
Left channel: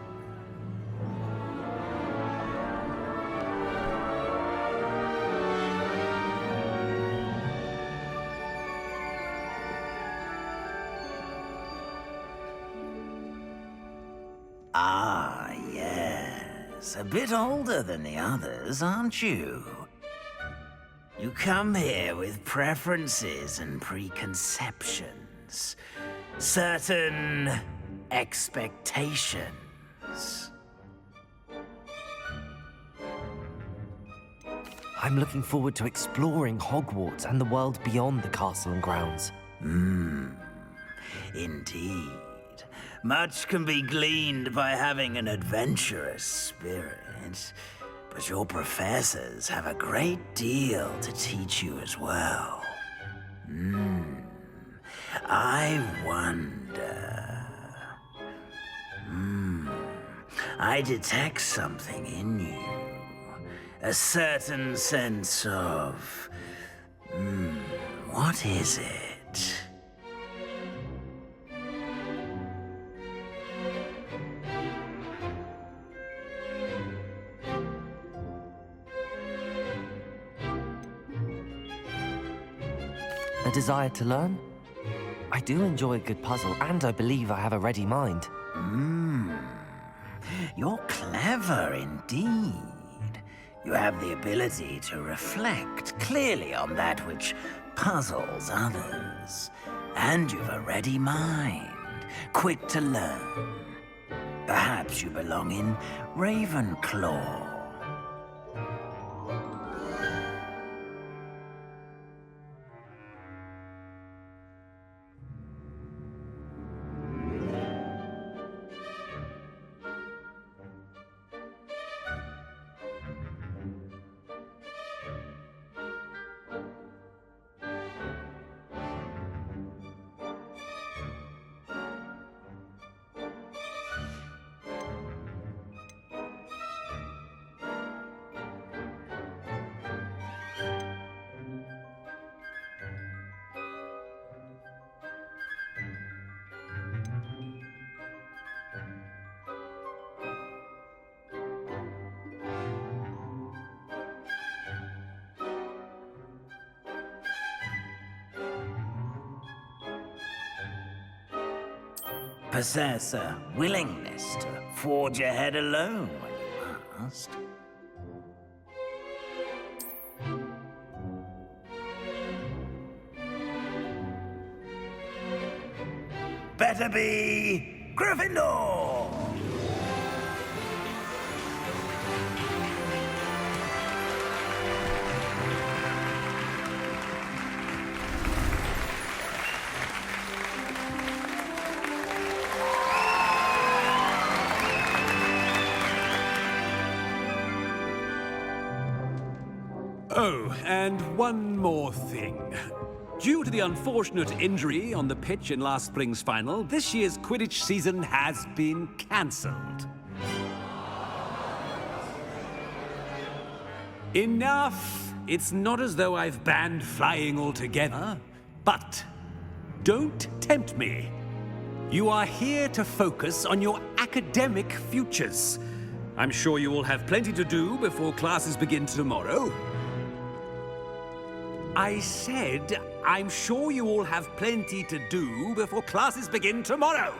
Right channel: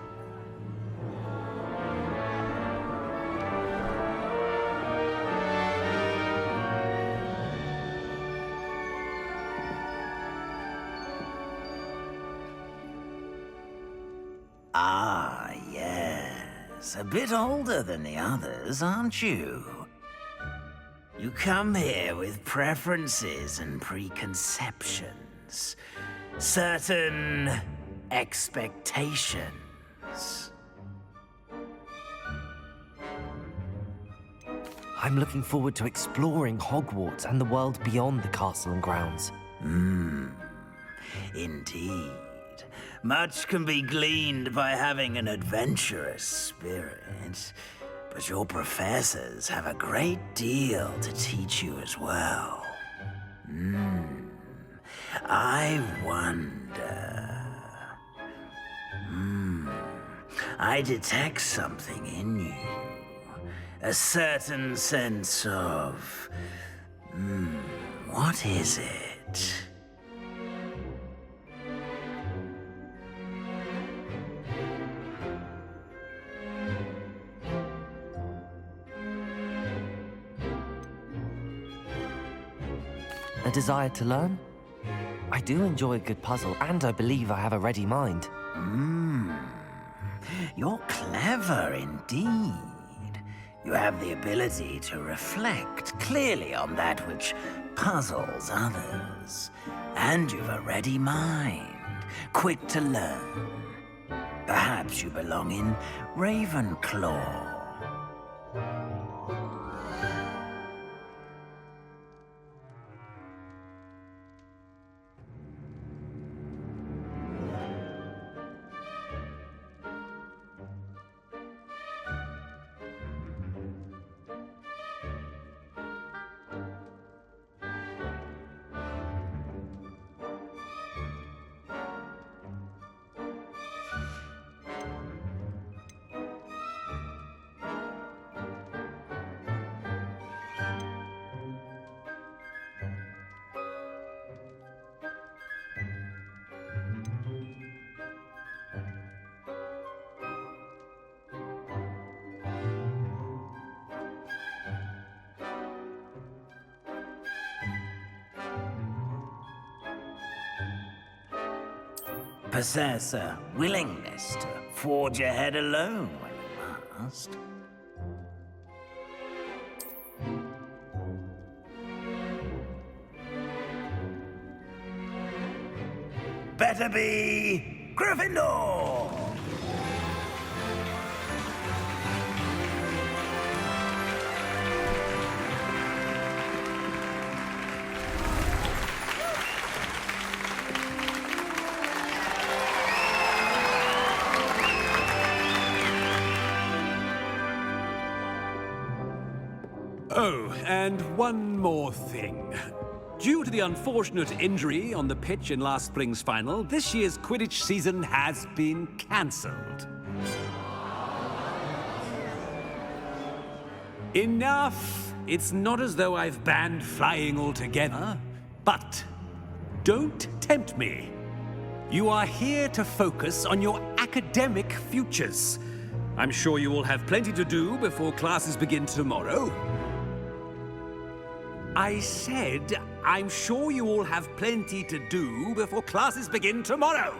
Ah, yes. A bit older than the others, aren't you? You come here with preferences and preconceptions. Certain expectations. I'm looking forward to exploring Hogwarts and the world beyond the castle and grounds. Indeed. Much can be gleaned by having an adventurous spirit, but your professors have a great deal to teach you as well. I wonder... I detect something in you. A certain sense of... what is it? A desire to learn? I do enjoy a good puzzle, and I believe I have a ready mind. You're clever indeed. You have the ability to reflect clearly on that which puzzles others. And you've a ready mind, quick to learn. Perhaps you belong in Ravenclaw. Possess a willingness to forge ahead alone when you must. Better be Gryffindor! Oh, and one more thing. Due to the unfortunate injury on the pitch in last spring's final, this year's Quidditch season has been cancelled. Enough! It's not as though I've banned flying altogether. But don't tempt me. You are here to focus on your academic futures. I'm sure you will have plenty to do before classes begin tomorrow. I said, I'm sure you all have plenty to do before classes begin tomorrow.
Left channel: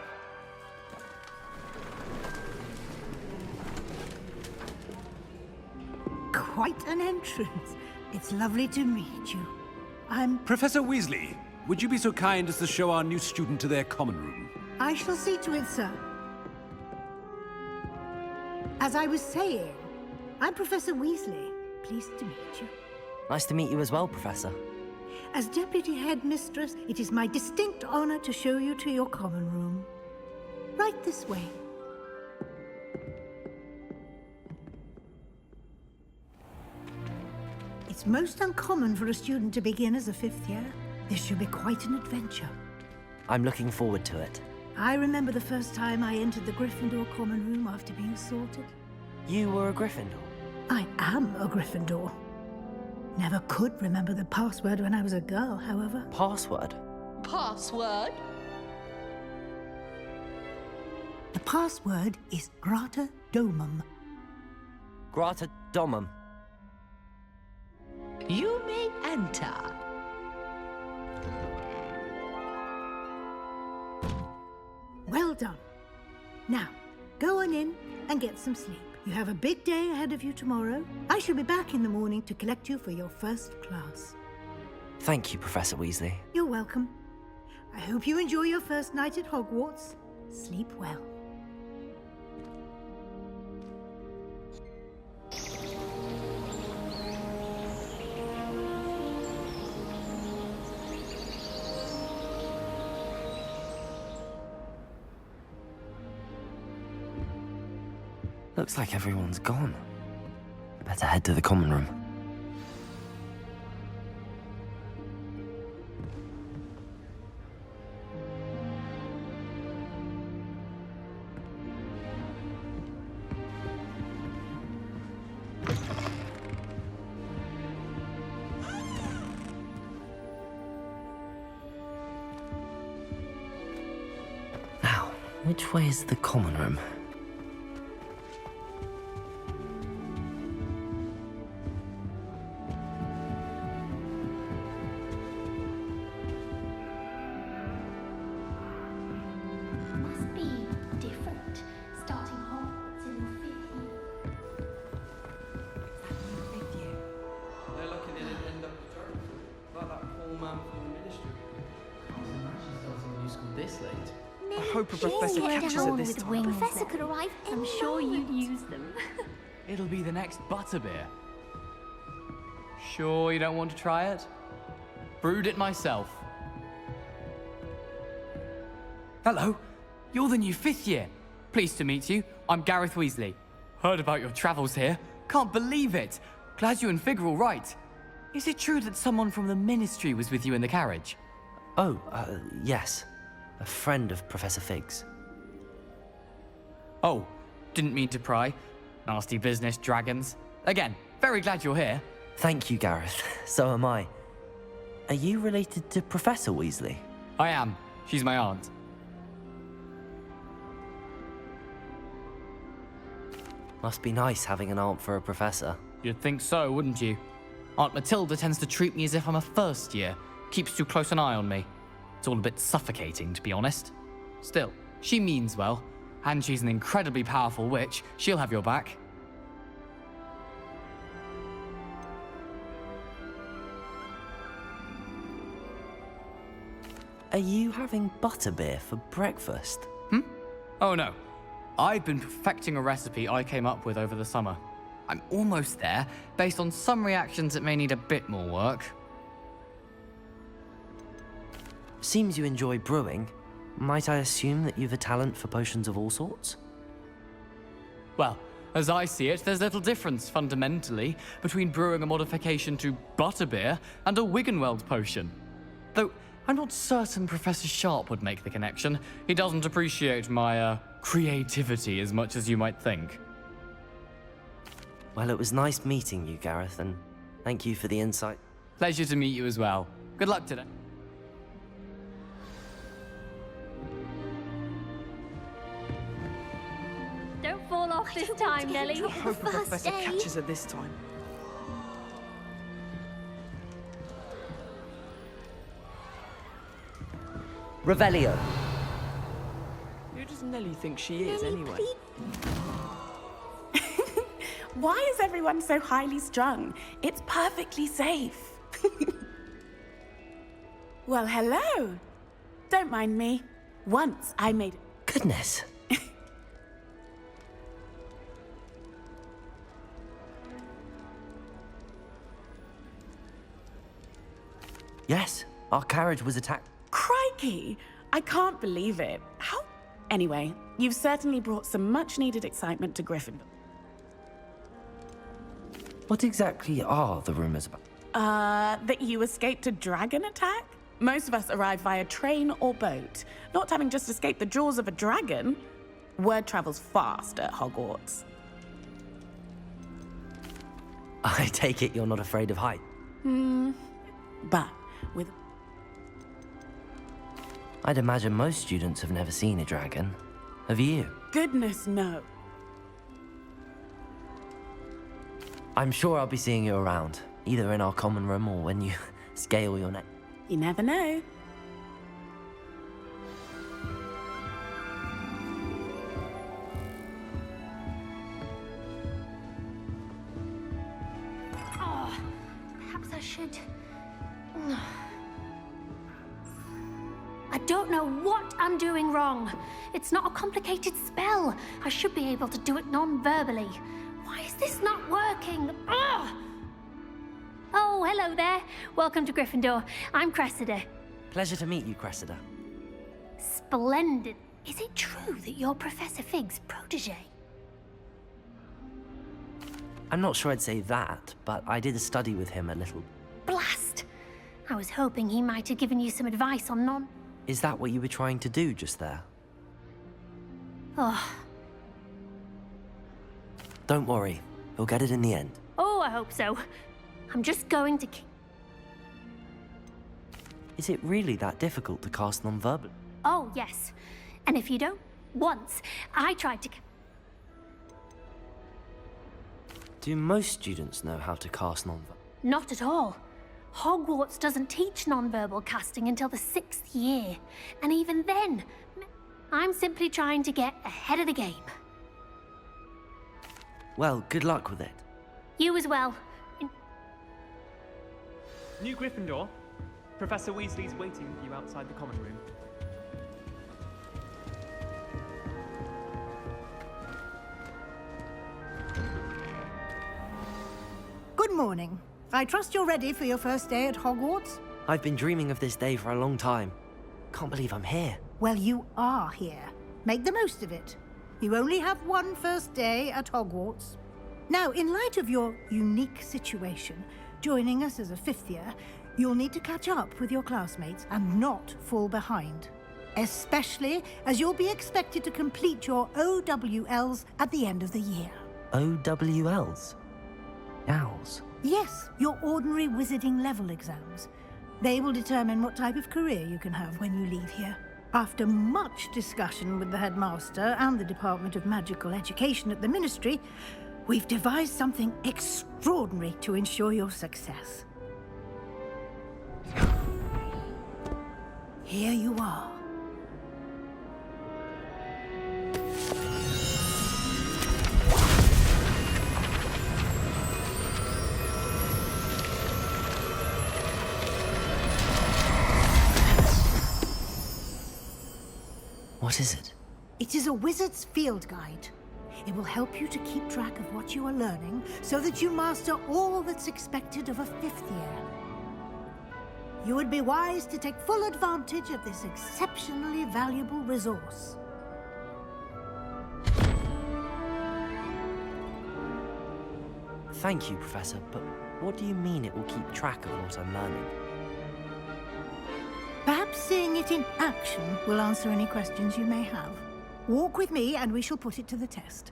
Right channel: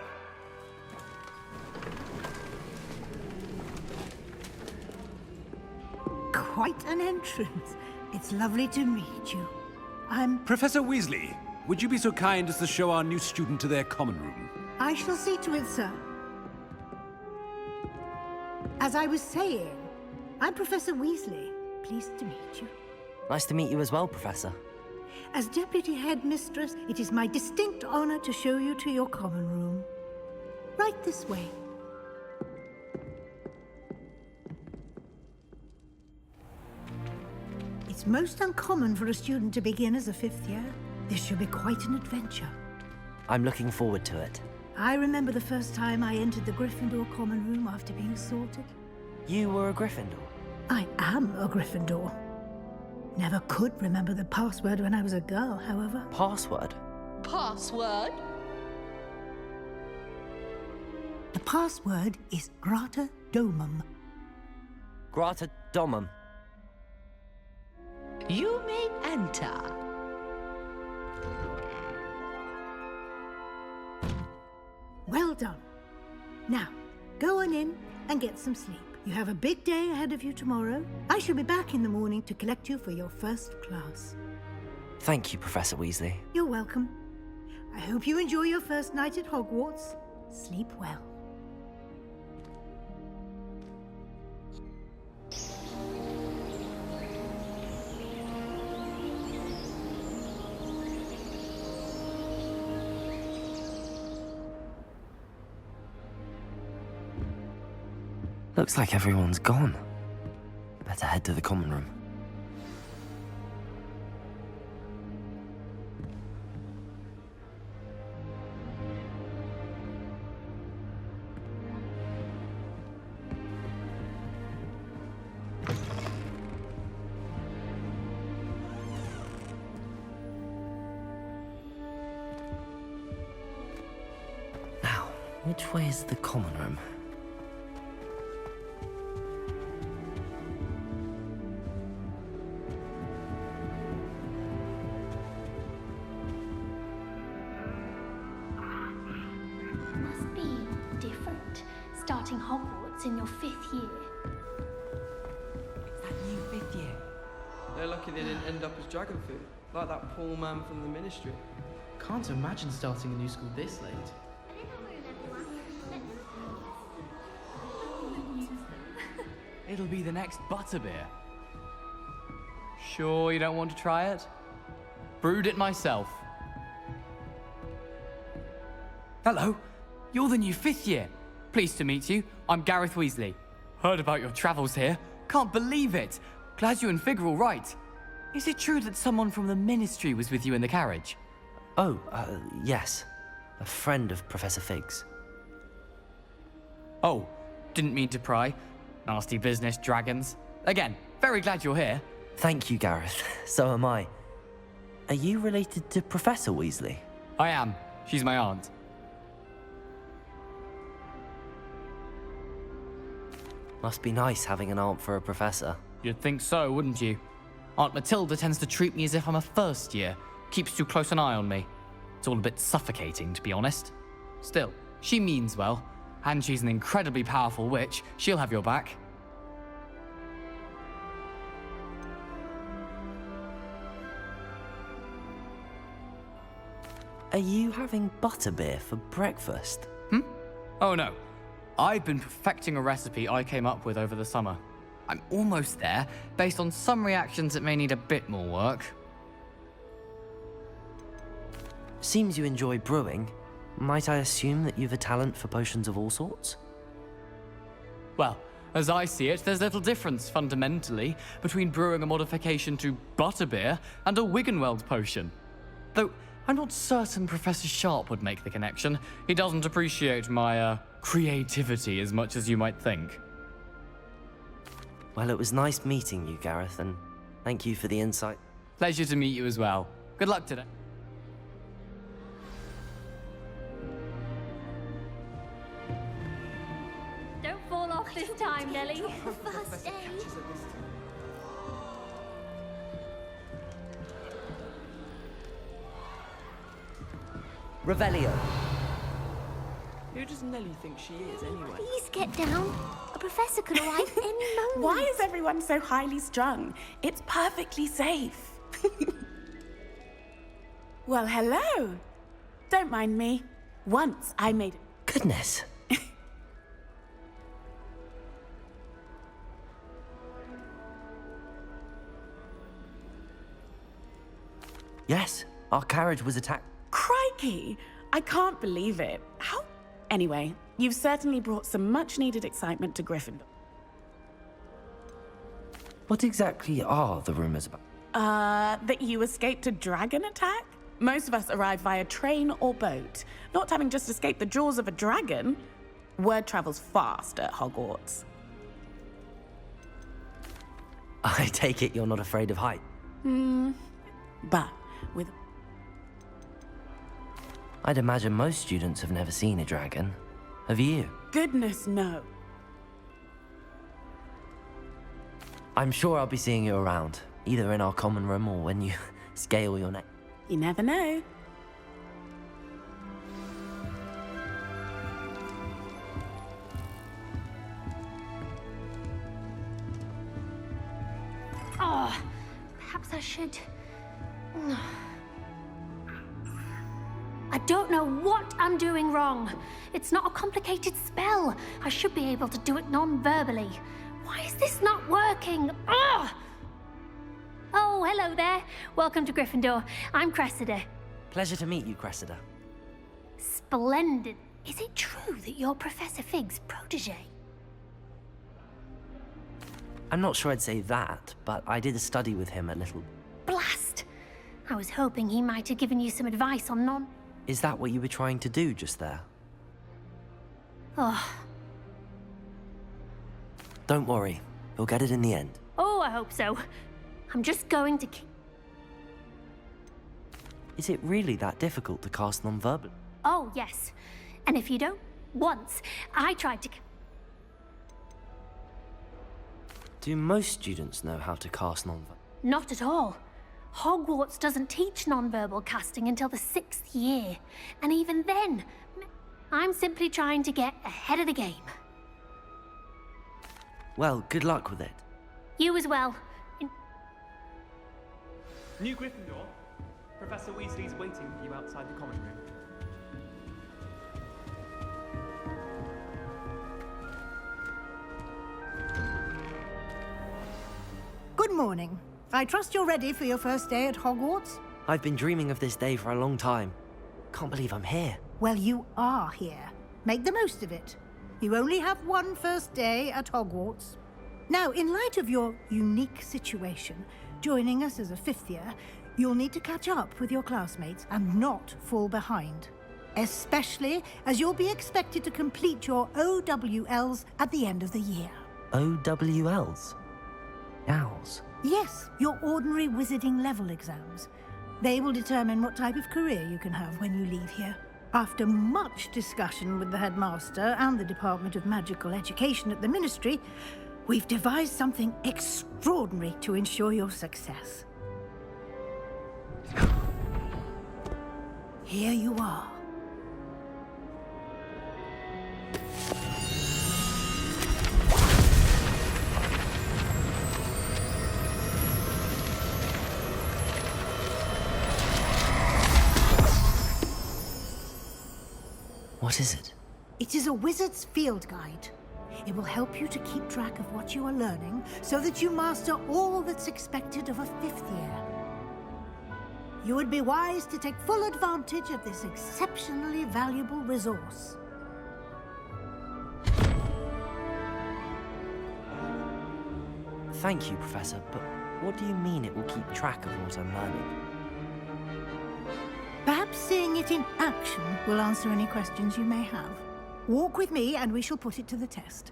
Quite an entrance. It's lovely to meet you. Professor Weasley, would you be so kind as to show our new student to their common room? I shall see to it, sir. As I was saying, I'm Professor Weasley. Pleased to meet you. Nice to meet you as well, Professor. As Deputy Headmistress, it is my distinct honor to show you to your common room. Right this way. It's most uncommon for a student to begin as a fifth year. This should be quite an adventure. I'm looking forward to it. I remember the first time I entered the Gryffindor common room after being sorted. You were a Gryffindor? I am a Gryffindor. Never could remember the password when I was a girl, however. Password? Password? The password is Grata Domum. Grata Domum. You may enter. Well done. Now, go on in and get some sleep. You have a big day ahead of you tomorrow. I shall be back in the morning to collect you for your first class. Thank you, Professor Weasley. You're welcome. I hope you enjoy your first night at Hogwarts. Sleep well. Looks like everyone's gone. Better head to the common room. Now, which way is the common room? starts in your 5th year. That new 5th year. They're lucky they didn't end up as dragon food, like that poor man from the ministry. Can't imagine starting a new school this late. I hope a professor catches it this time. Professor could arrive any I'm sure you'd use them. It'll be the next butterbeer. Sure you don't want to try it? Brewed it myself. Hello, you're the new 5th year. Pleased to meet you. I'm Gareth Weasley. Heard about your travels here. Can't believe it. Glad you and Fig are all right. Is it true that someone from the ministry was with you in the carriage? Oh, yes. A friend of Professor Fig's. Oh, didn't mean to pry. Nasty business, dragons. Again, very glad you're here. Thank you, Gareth. So am I. Are you related to Professor Weasley? I am. She's my aunt. Must be nice having an aunt for a professor. You'd think so, wouldn't you? Aunt Matilda tends to treat me as if I'm a first year. Keeps too close an eye on me. It's all a bit suffocating, to be honest. Still, she means well. And she's an incredibly powerful witch. She'll have your back. Are you having butterbeer for breakfast? Oh no. I've been perfecting a recipe I came up with over the summer. I'm almost there, based on some reactions that may need a bit more work. Seems you enjoy brewing. Might I assume that you've a talent for potions of all sorts? Well, as I see it, there's little difference, fundamentally, between brewing a modification to butterbeer and a Wiggenweld potion. Though, I'm not certain Professor Sharp would make the connection. He doesn't appreciate my, creativity as much as you might think. Well, it was nice meeting you, Gareth, and thank you for the insight. Pleasure to meet you as well. Good luck today. Don't fall off this time, Nelly. I hope a professor catches it this time. Revelio. Who does Nelly think she is, Nelly, anyway? please get down. The professor could arrive any moment. Why is everyone so highly strung? It's perfectly safe. Well, hello. Don't mind me. Once I made... Goodness. Yes, our carriage was attacked. Crikey! I can't believe it. How... Anyway, you've certainly brought some much-needed excitement to Gryffindor. What exactly are the rumors about? That you escaped a dragon attack? Most of us arrive via train or boat. Not having just escaped the jaws of a dragon. Word travels fast at Hogwarts. I take it you're not afraid of height. But with... I'd imagine most students have never seen a dragon. Have you? Goodness, no. I'm sure I'll be seeing you around, either in our common room or when you scale your neck. You never know. Oh, perhaps I should... I don't know what I'm doing wrong. It's not a complicated spell. I should be able to do it non-verbally. Why is this not working? Ugh! Oh, hello there. Welcome to Gryffindor. I'm Cressida. Pleasure to meet you, Cressida. Splendid. Is it true that you're Professor Fig's protege? I'm not sure I'd say that, but I did study with him a little. Blast! I was hoping he might have given you some advice on non... Is that what you were trying to do just there? Oh. Don't worry. You'll get it in the end. Oh, I hope so. I'm just going to keep... Is it really that difficult to cast non-verbal? Oh, yes. And if you don't... Once, I tried to... Do most students know how to cast non-verbal? Not at all. Hogwarts doesn't teach non-verbal casting until the 6th year. And even then, I'm simply trying to get ahead of the game. Well, good luck with it. You as well. New Gryffindor. Professor Weasley's waiting for you outside the common room. Good morning. I trust you're ready for your first day at Hogwarts? I've been dreaming of this day for a long time. Can't believe I'm here. Well, you are here. Make the most of it. You only have one first day at Hogwarts. Now, in light of your unique situation, joining us as a fifth year, you'll need to catch up with your classmates and not fall behind. Especially as you'll be expected to complete your OWLs at the end of the year. OWLs? Owls? Yes, your ordinary wizarding level exams. They will determine what type of career you can have when you leave here. After much discussion with the headmaster and the Department of Magical Education at the Ministry, we've devised something extraordinary to ensure your success. Here you are. What is it? It is a wizard's field guide. It will help you to keep track of what you are learning so that you master all that's expected of a fifth year. You would be wise to take full advantage of this exceptionally valuable resource. Thank you, Professor, but what do you mean it will keep track of what I'm learning? Perhaps seeing it in action will answer any questions you may have. Walk with me and we shall put it to the test.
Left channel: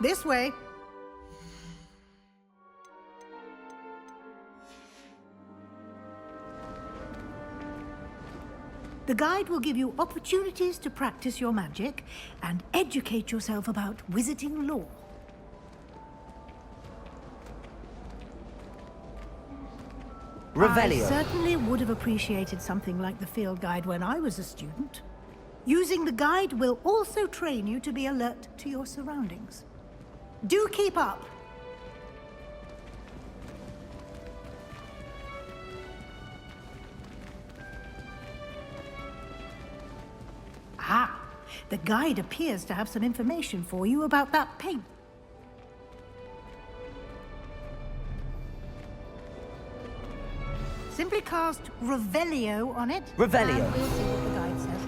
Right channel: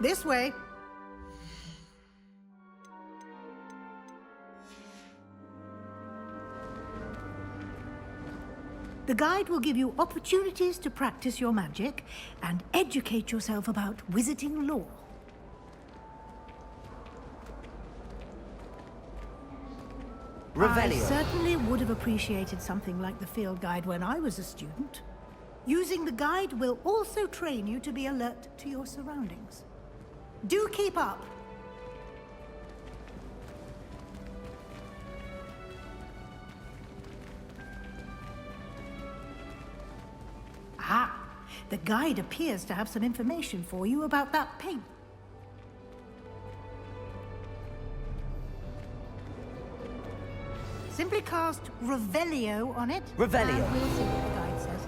This way. The guide will give you opportunities to practice your magic and educate yourself about wizarding lore. Revelio. I certainly would have appreciated something like the field guide when I was a student. Using the guide will also train you to be alert to your surroundings. Do keep up. Ah, the guide appears to have some information for you about that paint. Simply cast Revelio on it. Revelio. And we'll see what the guide says.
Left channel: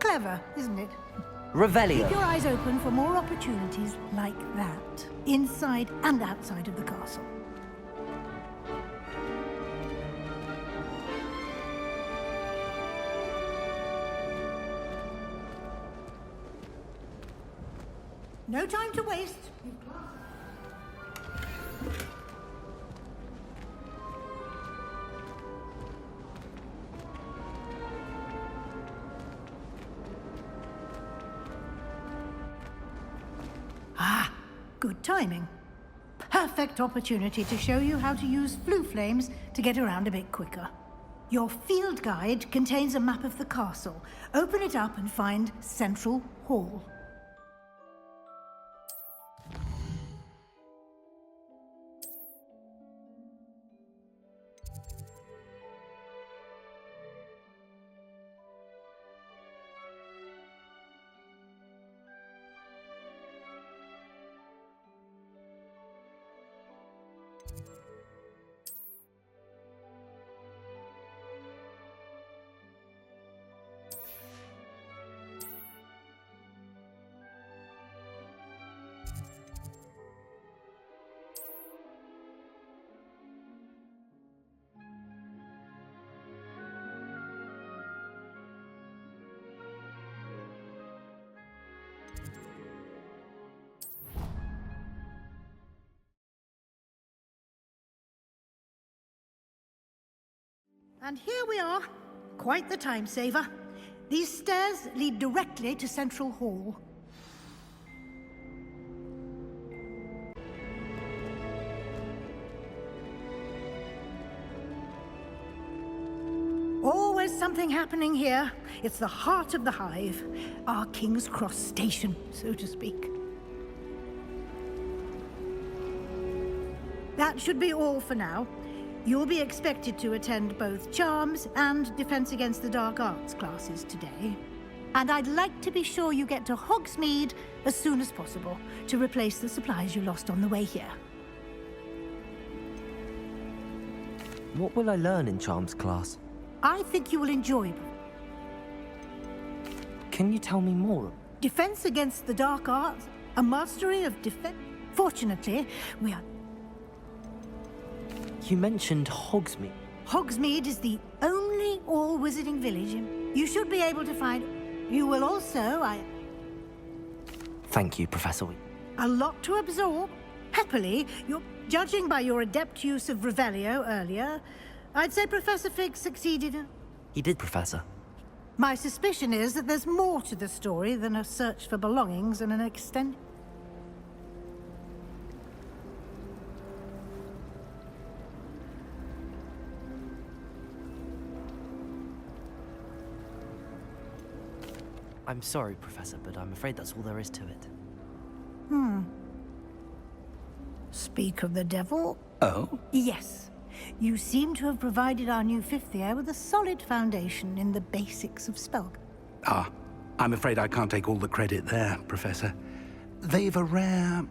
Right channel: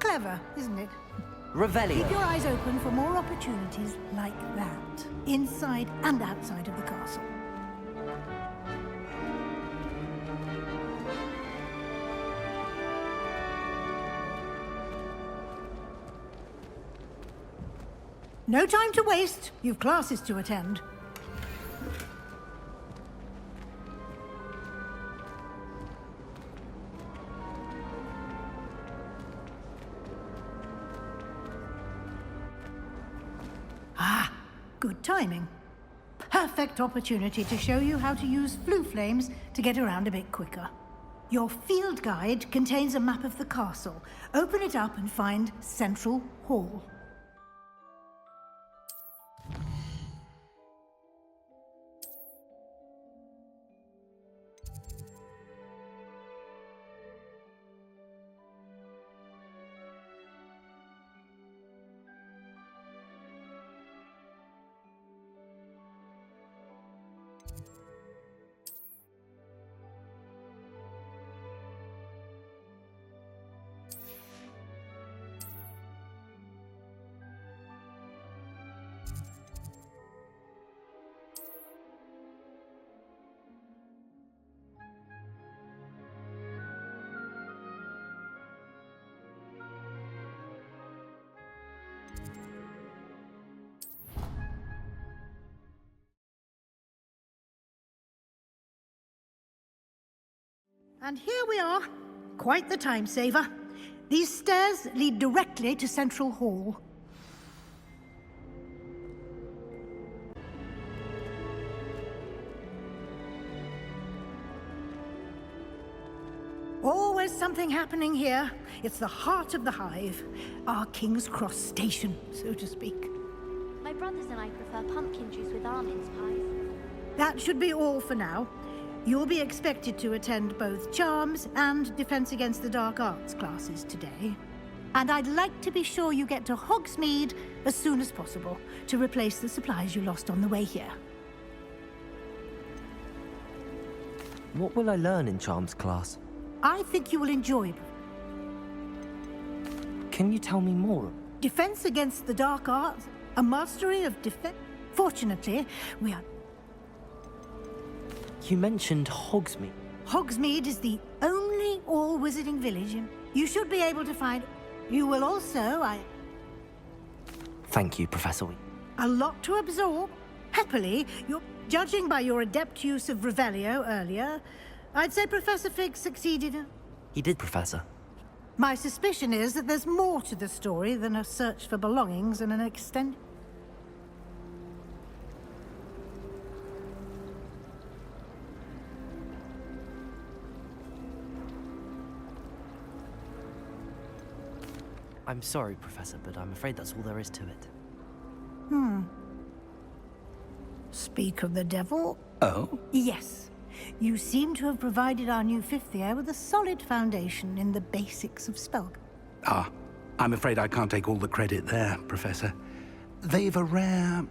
Clever, isn't it? Revelio. Keep your eyes open for more opportunities like that, inside and outside of the castle. No time to waste. You've classes to attend. Ah, good timing. Perfect opportunity to show you how to use flue flames to get around a bit quicker. Your field guide contains a map of the castle. Open it up and find Central Hall. And here we are. Quite the time saver. These stairs lead directly to Central Hall. Always something happening here. It's the heart of the hive. Our King's Cross station, so to speak. My brothers and I prefer pumpkin juice with almonds pie. That should be all for now. You'll be expected to attend both Charms and Defense Against the Dark Arts classes today. And I'd like to be sure you get to Hogsmeade as soon as possible to replace the supplies you lost on the way here. What will I learn in Charms class? I think you will enjoy. Can you tell me more? Defense Against the Dark Arts, a mastery of defense. Fortunately, we are... You mentioned Hogsmeade. Hogsmeade is the only all-wizarding village. You should be able to find... You will also, Thank you, Professor Weasley. A lot to absorb. Happily, you're... Judging by your adept use of Revelio earlier, I'd say Professor Fig succeeded in... He did, Professor. My suspicion is that there's more to the story than a search for belongings and an extended... I'm sorry, Professor, but I'm afraid that's all there is to it. Speak of the devil. Oh? Yes. You seem to have provided our new fifth year with a solid foundation in the basics of spell. Ah, I'm afraid I can't take all the credit there, Professor. They've a rare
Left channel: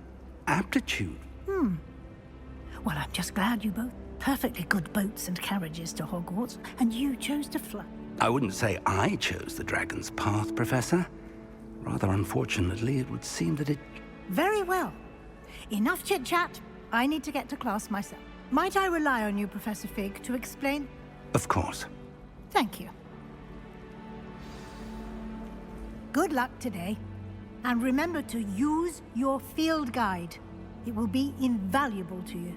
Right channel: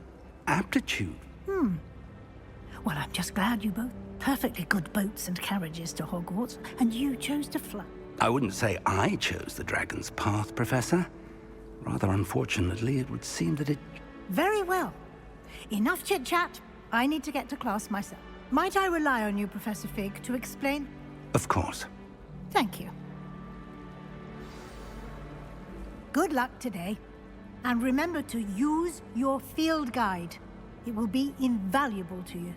aptitude. Well, I'm just glad you both perfectly good boats and carriages to Hogwarts, and you chose to fly. I wouldn't say I chose the dragon's path, Professor. Rather unfortunately, it would seem that it... Very well. Enough chit-chat. I need to get to class myself. Might I rely on you, Professor Fig, to explain? Of course. Thank you. Good luck today. And remember to use your field guide. It will be invaluable to you.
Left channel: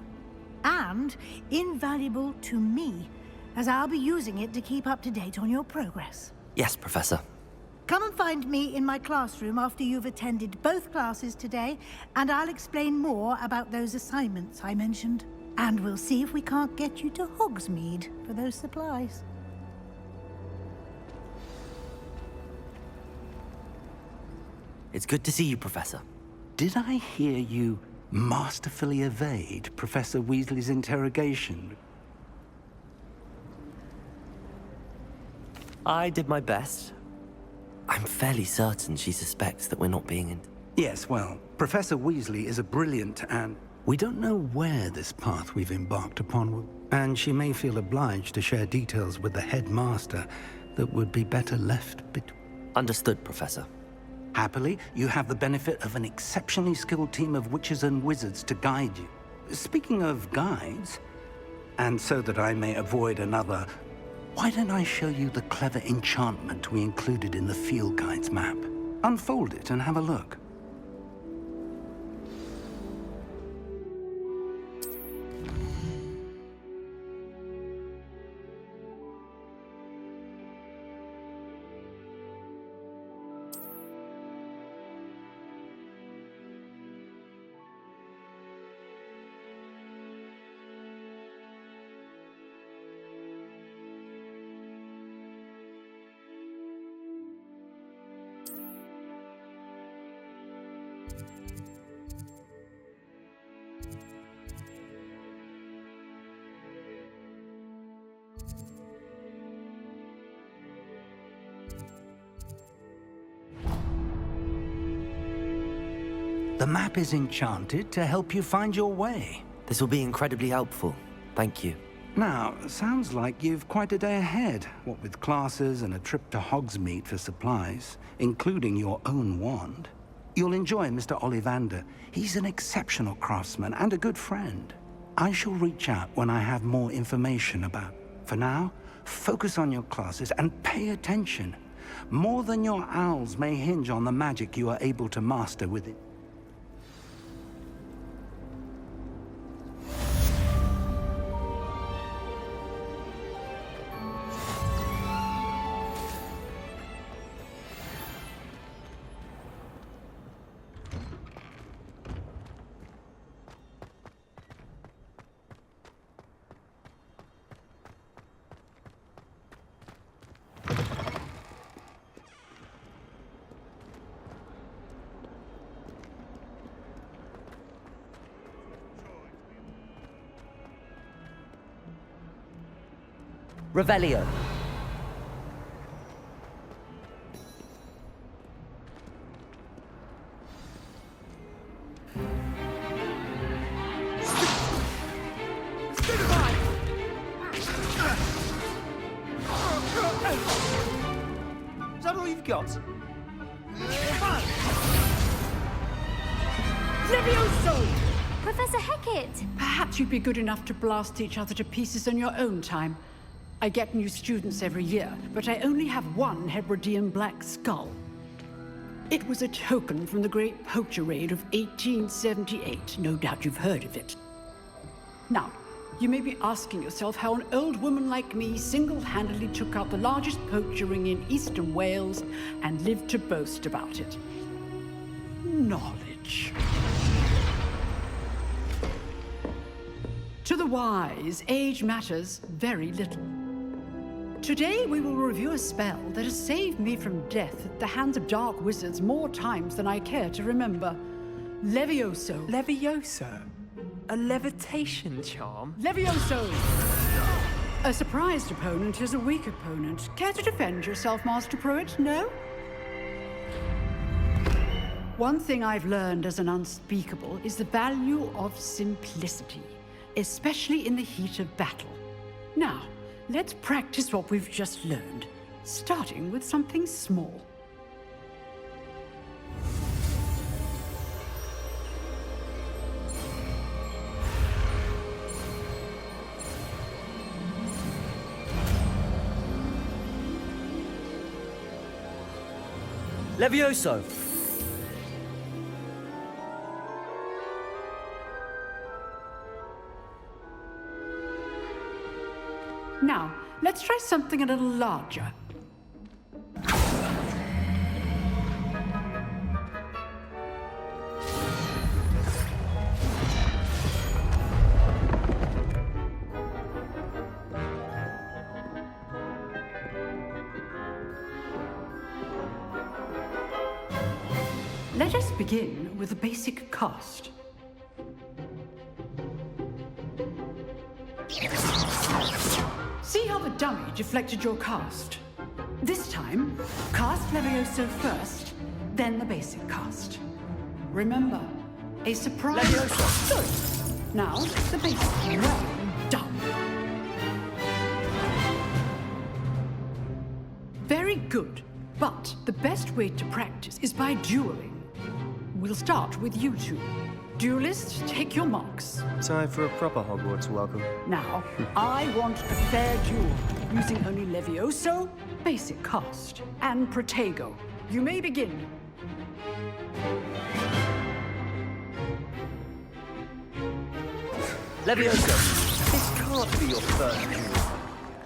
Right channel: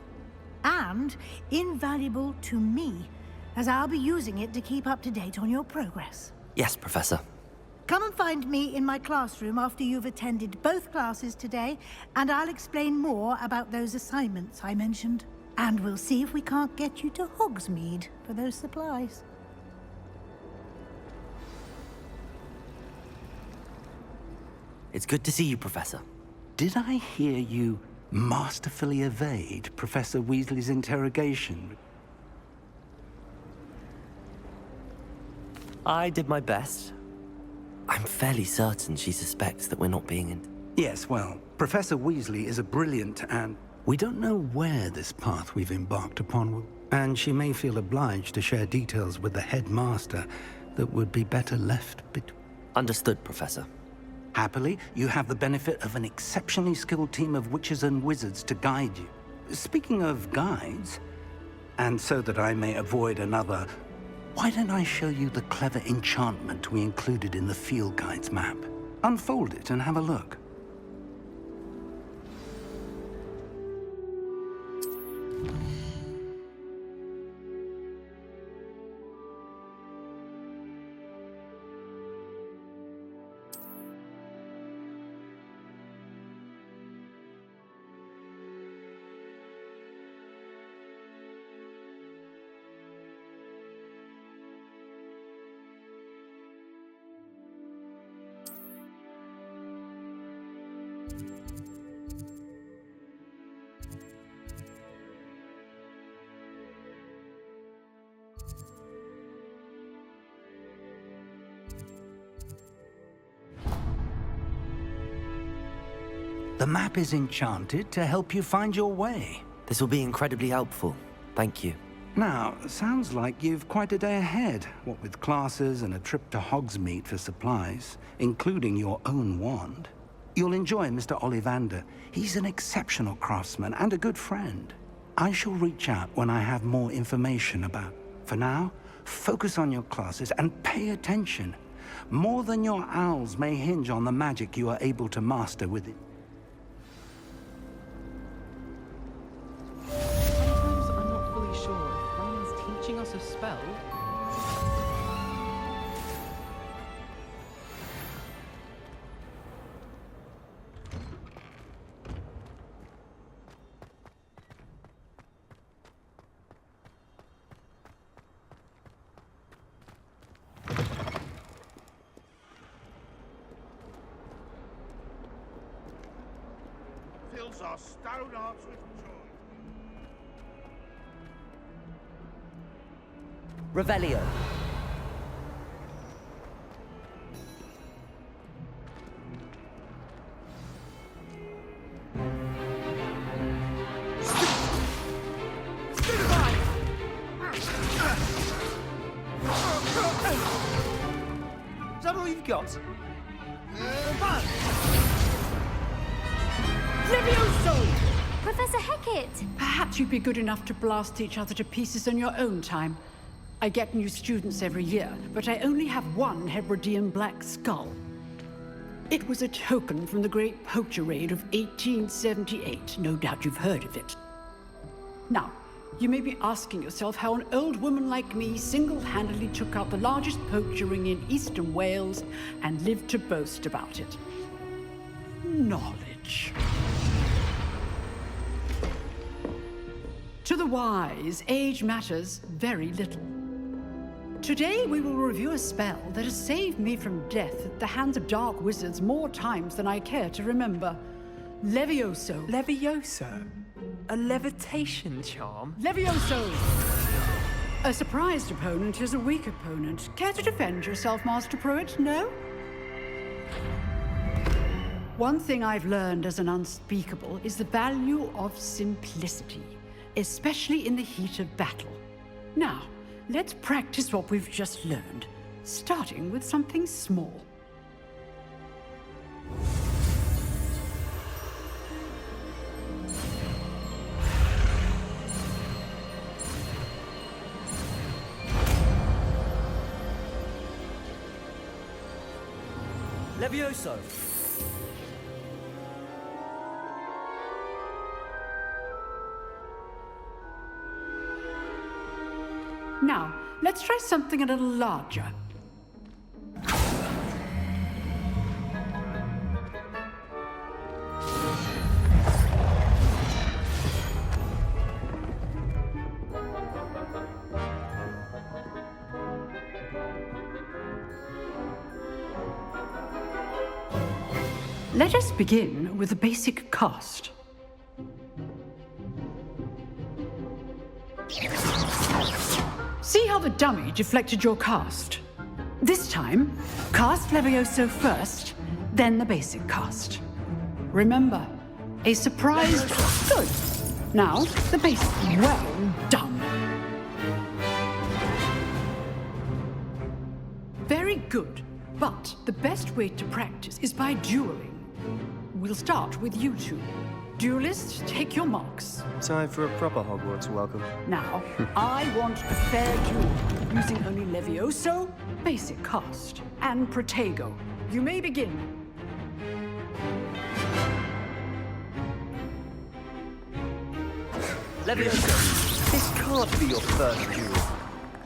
And invaluable to me, as I'll be using it to keep up to date on your progress. Yes, Professor. Come and find me in my classroom after you've attended both classes today, and I'll explain more about those assignments I mentioned. And we'll see if we can't get you to Hogsmeade for those supplies. It's good to see you, Professor. Did I hear you masterfully evade Professor Weasley's interrogation? I did my best. I'm fairly certain she suspects that we're not being in... Yes, well, Professor Weasley is a brilliant and... We don't know where this path we've embarked upon will... And she may feel obliged to share details with the headmaster that would be better left between... Understood, Professor. Happily, you have the benefit of an exceptionally skilled team of witches and wizards to guide you. Speaking of guides, and so that I may avoid another... Why don't I show you the clever enchantment we included in the field guide's map? Unfold it and have a look. The map is enchanted to help you find your way. This will be incredibly helpful. Thank you. Now, sounds like you've quite a day ahead, what with classes and a trip to Hogsmeade for supplies, including your own wand. You'll enjoy Mr. Ollivander. He's an exceptional craftsman and a good friend. I shall reach out when I have more information about. For now, focus on your classes and pay attention. More than your owls may hinge on the magic you are able to master with it. I'm not fully sure. Ron's teaching us a spell. Revelio. Is that all you've got? Levioso! Professor Hecat! Perhaps you'd be good enough to blast each other to pieces on your own time. I get new students every year, but I only have one Hebridean black skull. It was a token from the Great Poacher Raid of 1878. No doubt you've heard of it. Now, you may be asking yourself how an old woman like me single-handedly took out the largest poacher ring in eastern Wales and lived to boast about it. Knowledge. To the wise, age matters very little. Today we will review a spell that has saved me from death at the hands of dark wizards more times than I care to remember. Levioso. Levioso? A levitation charm? Levioso! A surprised opponent is a weak opponent. Care to defend yourself, Master Pruitt? No? One thing I've learned as an unspeakable is the value of simplicity, especially in the heat of battle. Now, let's practice what we've just learned, starting with something small. Levioso! Now, let's try something a little larger. Let us begin with a basic cast. See how the dummy deflected your cast? This time, cast Levioso first, then the basic cast. Remember, a surprise... Good. Now, the basic. Well done. Very good. But the best way to practice is by dueling. We'll start with you two. Duelists, take your marks. Time for a proper Hogwarts welcome. Now, I want a fair duel, using only Levioso, basic cast, and Protego. You may begin. Levioso, this can't be your first duel.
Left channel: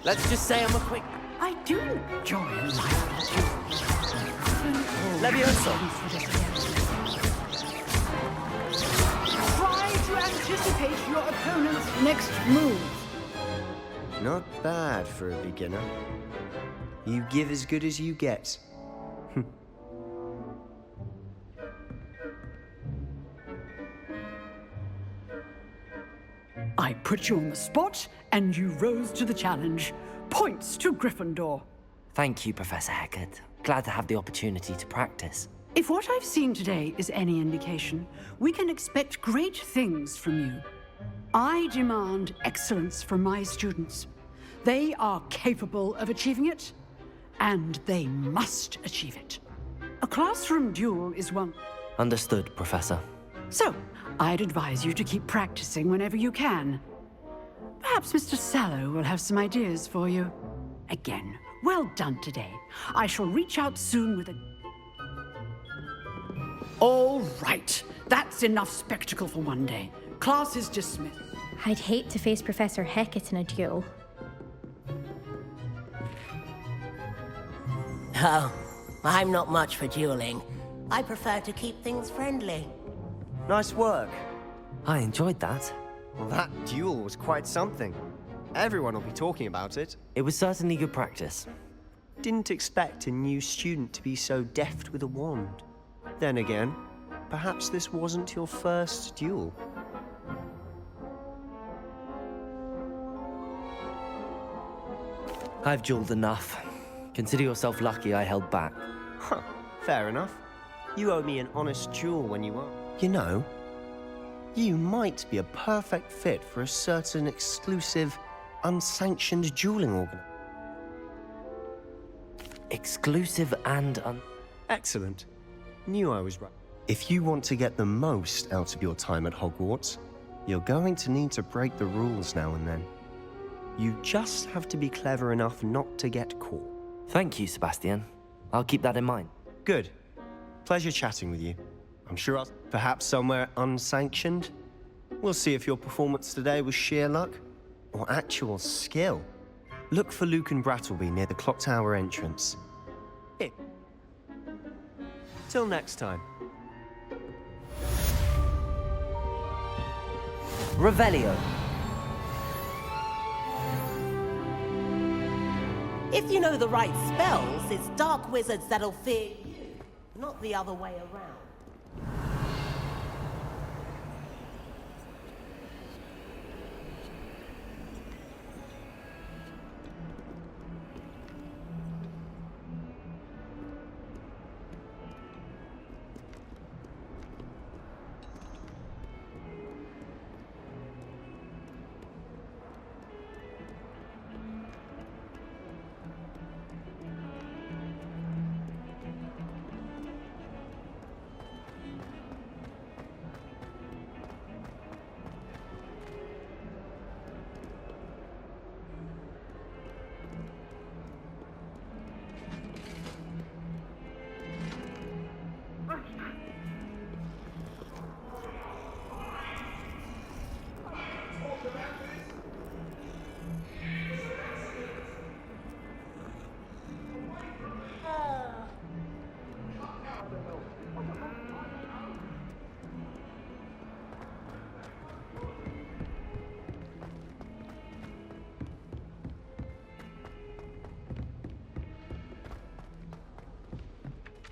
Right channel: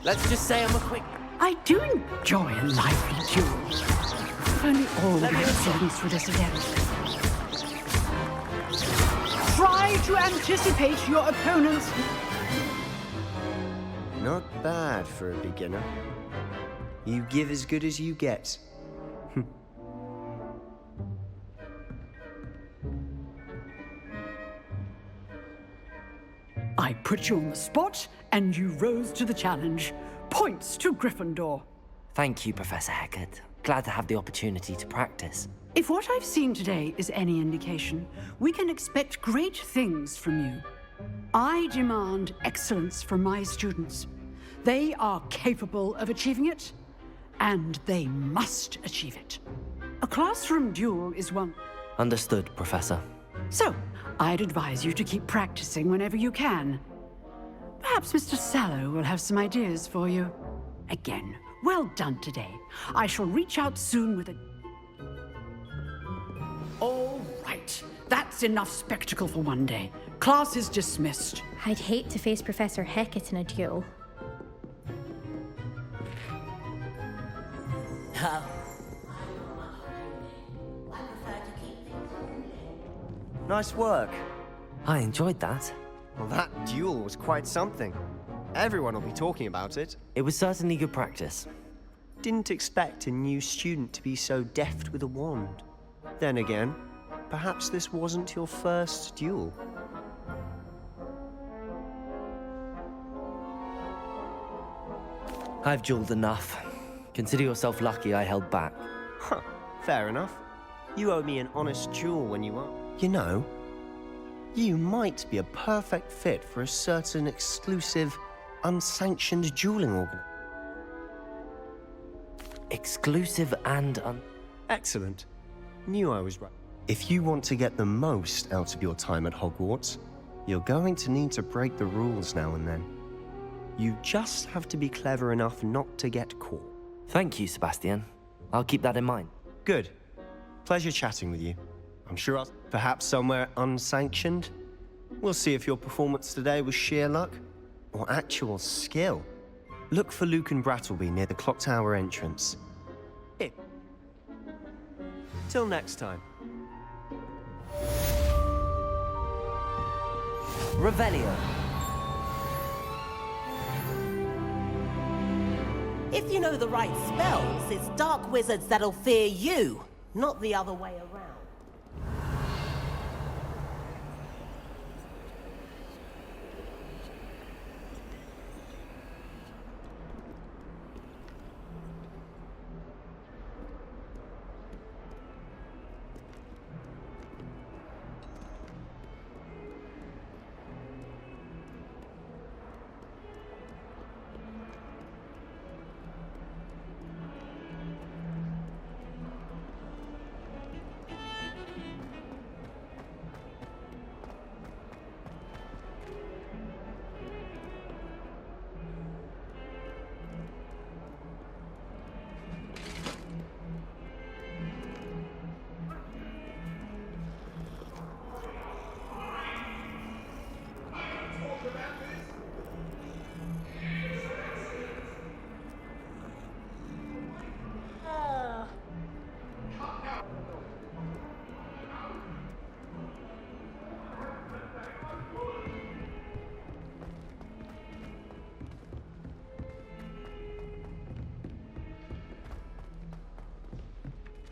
Let's just say I'm a quick... I do enjoy a lively duel. If only all Levioso for this again. Try to anticipate your opponent's next move. Not bad for a beginner. You give as good as you get. I put you on the spot, and you rose to the challenge. Points to Gryffindor. Thank you, Professor Hecat. Glad to have the opportunity to practice. If what I've seen today is any indication, we can expect great things from you. I demand excellence from my students. They are capable of achieving it, and they must achieve it. A classroom duel is one. Understood, Professor. So, I'd advise you to keep practicing whenever you can. Perhaps Mr. Sallow will have some ideas for you. Again, well done today. I shall reach out soon with a... All right. That's enough spectacle for one day. Class is dismissed. I'd hate to face Professor Hecat in a duel. Oh, I'm not much for dueling. I prefer to keep things friendly. Nice work. I enjoyed that. Well, that duel was quite something. Everyone will be talking about it. It was certainly good practice. Didn't expect a new student to be so deft with a wand. Then again, Perhaps this wasn't your first duel. I've dueled enough. Consider yourself lucky I held back. Huh, fair enough. You owe me an honest duel when you are. You know, you might be a perfect fit for a certain exclusive, unsanctioned dueling organ. Exclusive and Excellent. Knew I was right. If you want to get the most out of your time at Hogwarts, you're going to need to break the rules now and then. You just have to be clever enough not to get caught. Thank you, Sebastian. I'll keep that in mind. Good. Pleasure chatting with you. I'm sure I'll perhaps somewhere unsanctioned. We'll see if your performance today was sheer luck or actual skill. Look for Luke and Brattleby near the clock tower entrance. Here. Till next time. Revelio. If you know the right spells, it's dark wizards that'll fear you, not the other way around.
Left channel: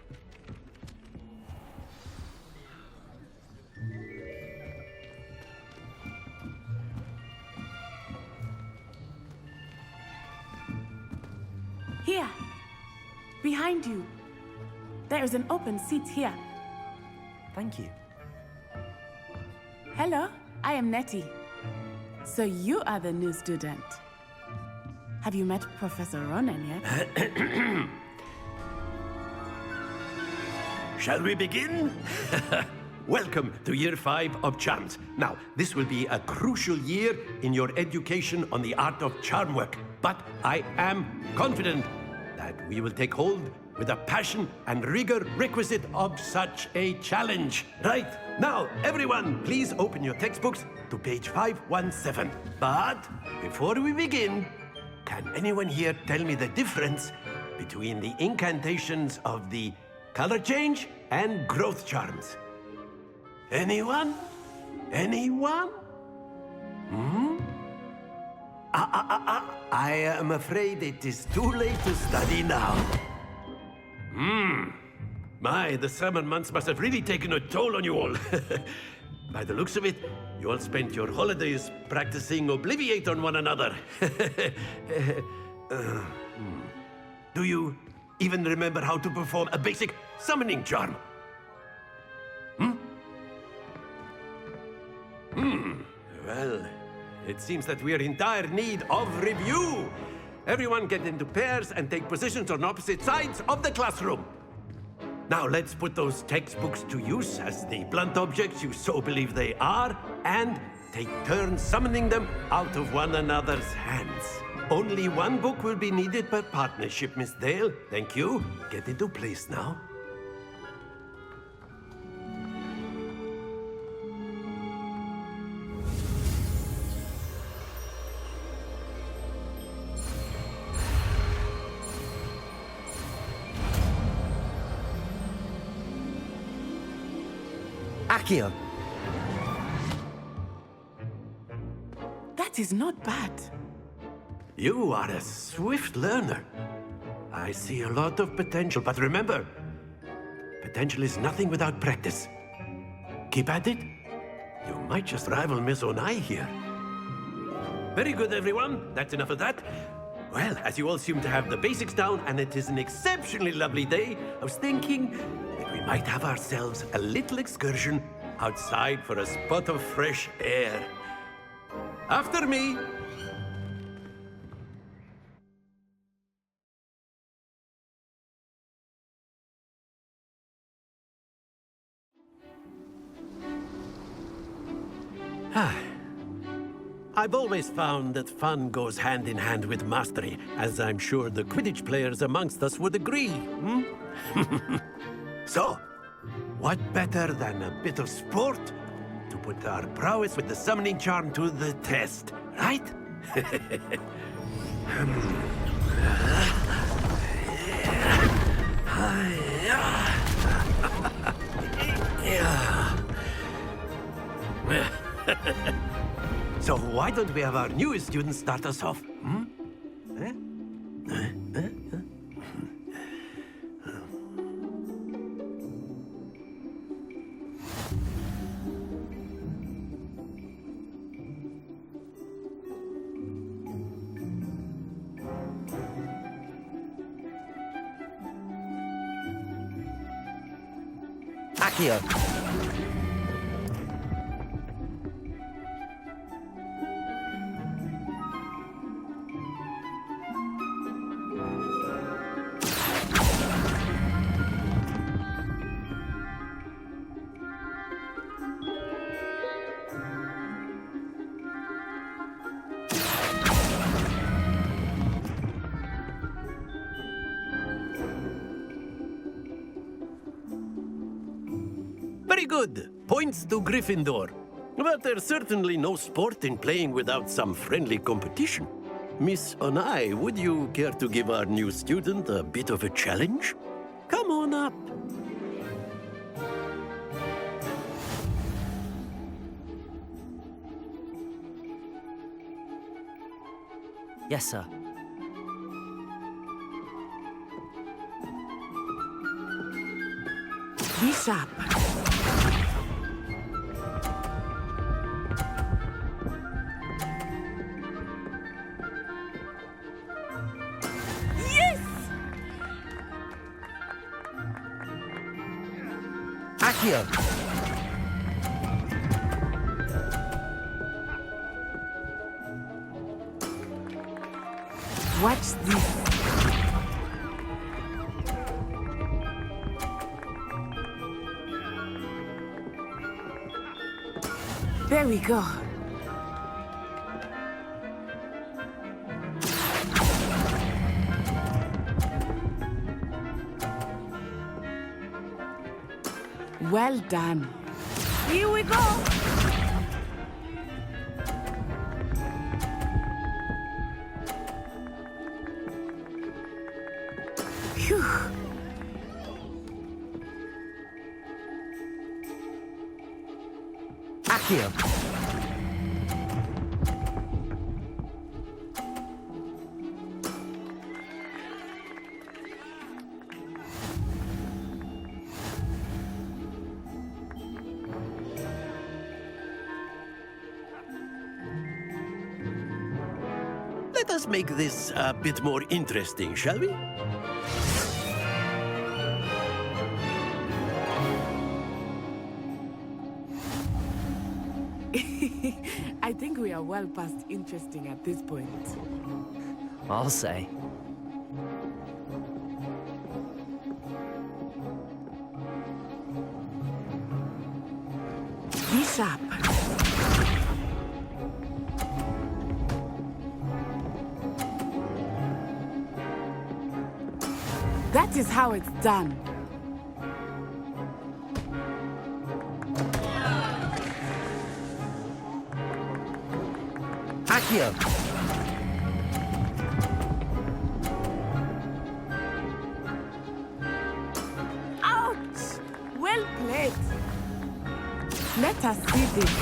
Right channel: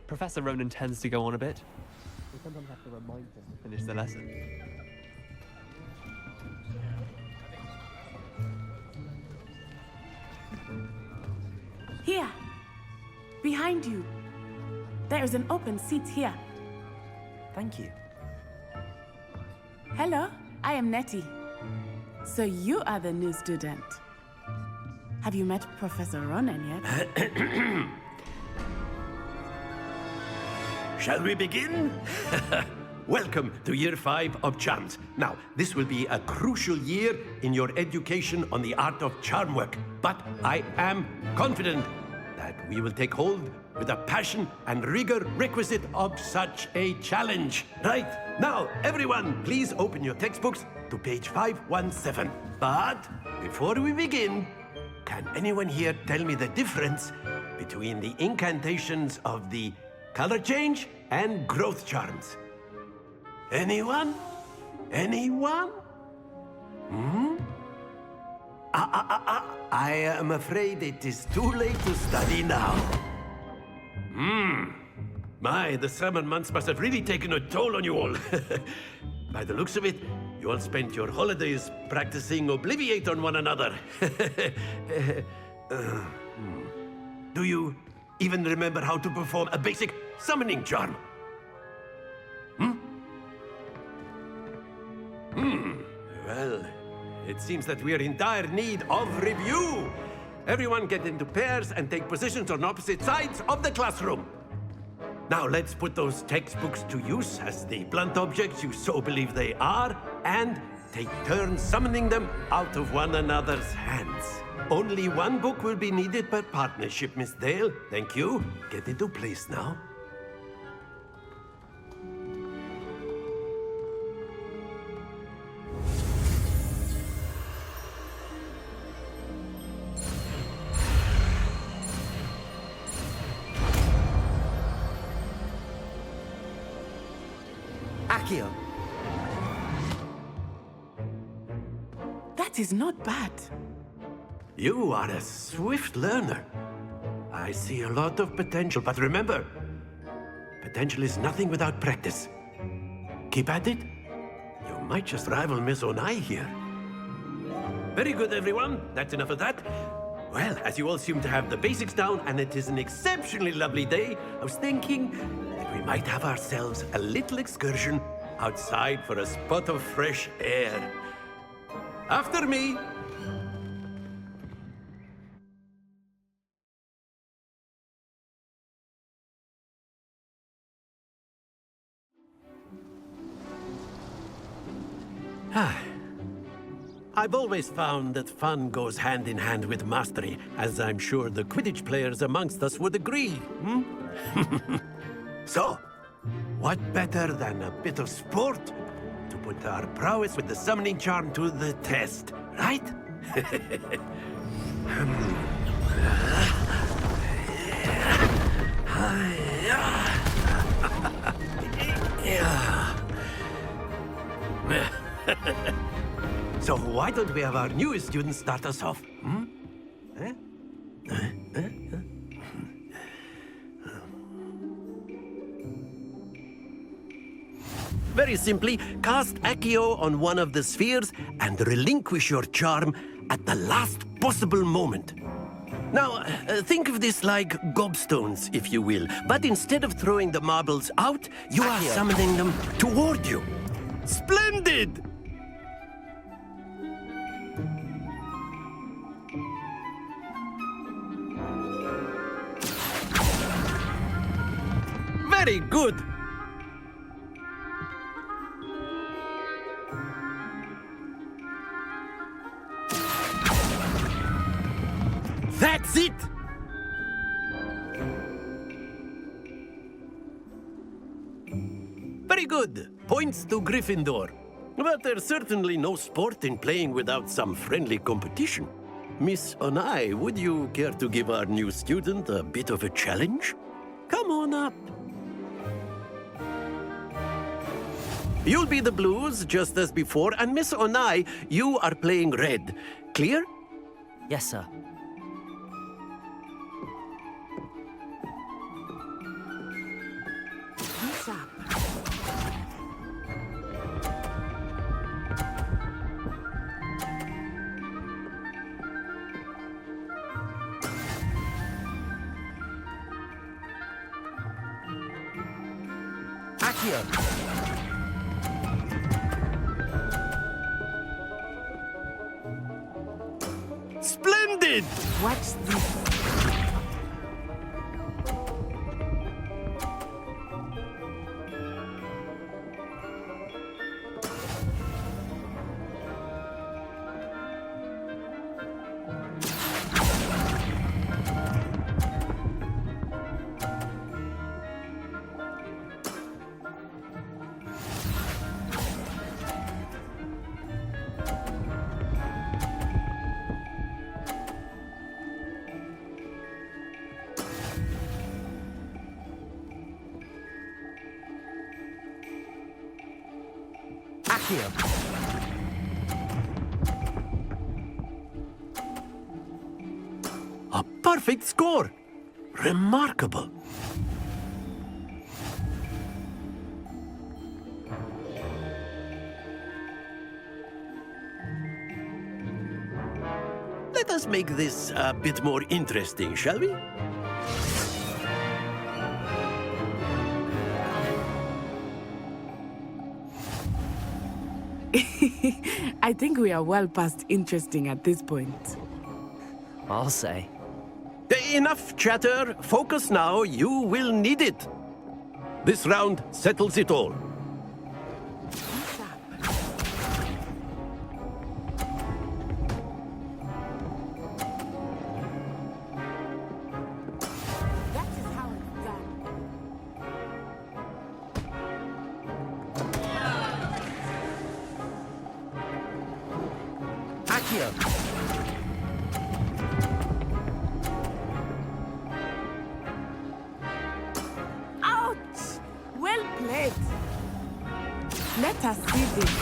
Professor Ronan tends to go on a bit. We sometimes have to remind him to finish the lesson. Here. Behind you. There is an open seat here. Thank you. Hello, I am Nettie. So you are the new student. Have you met Professor Ronan yet? Shall we begin? Welcome to Year 5 of Charms. Now, this will be a crucial year in your education on the art of charm work. But I am confident that we will take hold with the passion and rigor requisite of such a challenge. Right, now, everyone, please open your textbooks to page 517. But before we begin, can anyone here tell me the difference between the incantations of the color change and growth charms? Anyone? Anyone? I am afraid it is too late to study now. My, the summer months must have really taken a toll on you all. By the looks of it, you all spent your holidays practicing Obliviate on one another. Do you even remember how to perform a basic summoning charm? Well, it seems that we are in dire need of review. Everyone get into pairs and take positions on opposite sides of the classroom. Now let's put those textbooks to use as the blunt objects you so believe they are, and take turns summoning them out of one another's hands. Only one book will be needed per partnership, Miss Dale. Thank you. Get into place now. Accio. That is not bad. You are a swift learner. I see a lot of potential, but remember, potential is nothing without practice. keep at it. You might just rival Miss Onai here. Very good, everyone. That's enough of that. Well, as you all seem to have the basics down, and it is an exceptionally lovely day, I was thinking that we might have ourselves a little excursion outside for a spot of fresh air. After me. I've always found that fun goes hand in hand with mastery, as I'm sure the Quidditch players amongst us would agree. So, what better than a bit of sport to put our prowess with the summoning charm to the test, right? So why don't we have our newest student start us off? Very simply, cast Accio on one of the spheres and relinquish your charm at the last possible moment. Now, think of this like gobstones, if you will. But instead of throwing the marbles out, you are summoning them toward you. Splendid! Very good. That's it! Very good. Points to Gryffindor. But there's certainly no sport in playing without some friendly competition. Miss Onai, would you care to give our new student a bit of a challenge? Come on up. You'll be the blues, just as before, and Miss Onai, you are playing red. Clear? Yes, sir. Be sharp. Yes! Accio! Splendid! Watch this. There we go. Well done. Here we go. Phew. Accio! A perfect score. Remarkable. Let us make this a bit more interesting, shall we? I think we are well past interesting at this point. I'll say. Enough chatter. Focus now. You will need it. This round settles it all. Be sharp. That is how it's done. Accio! Ouch! Well played. Let us see this.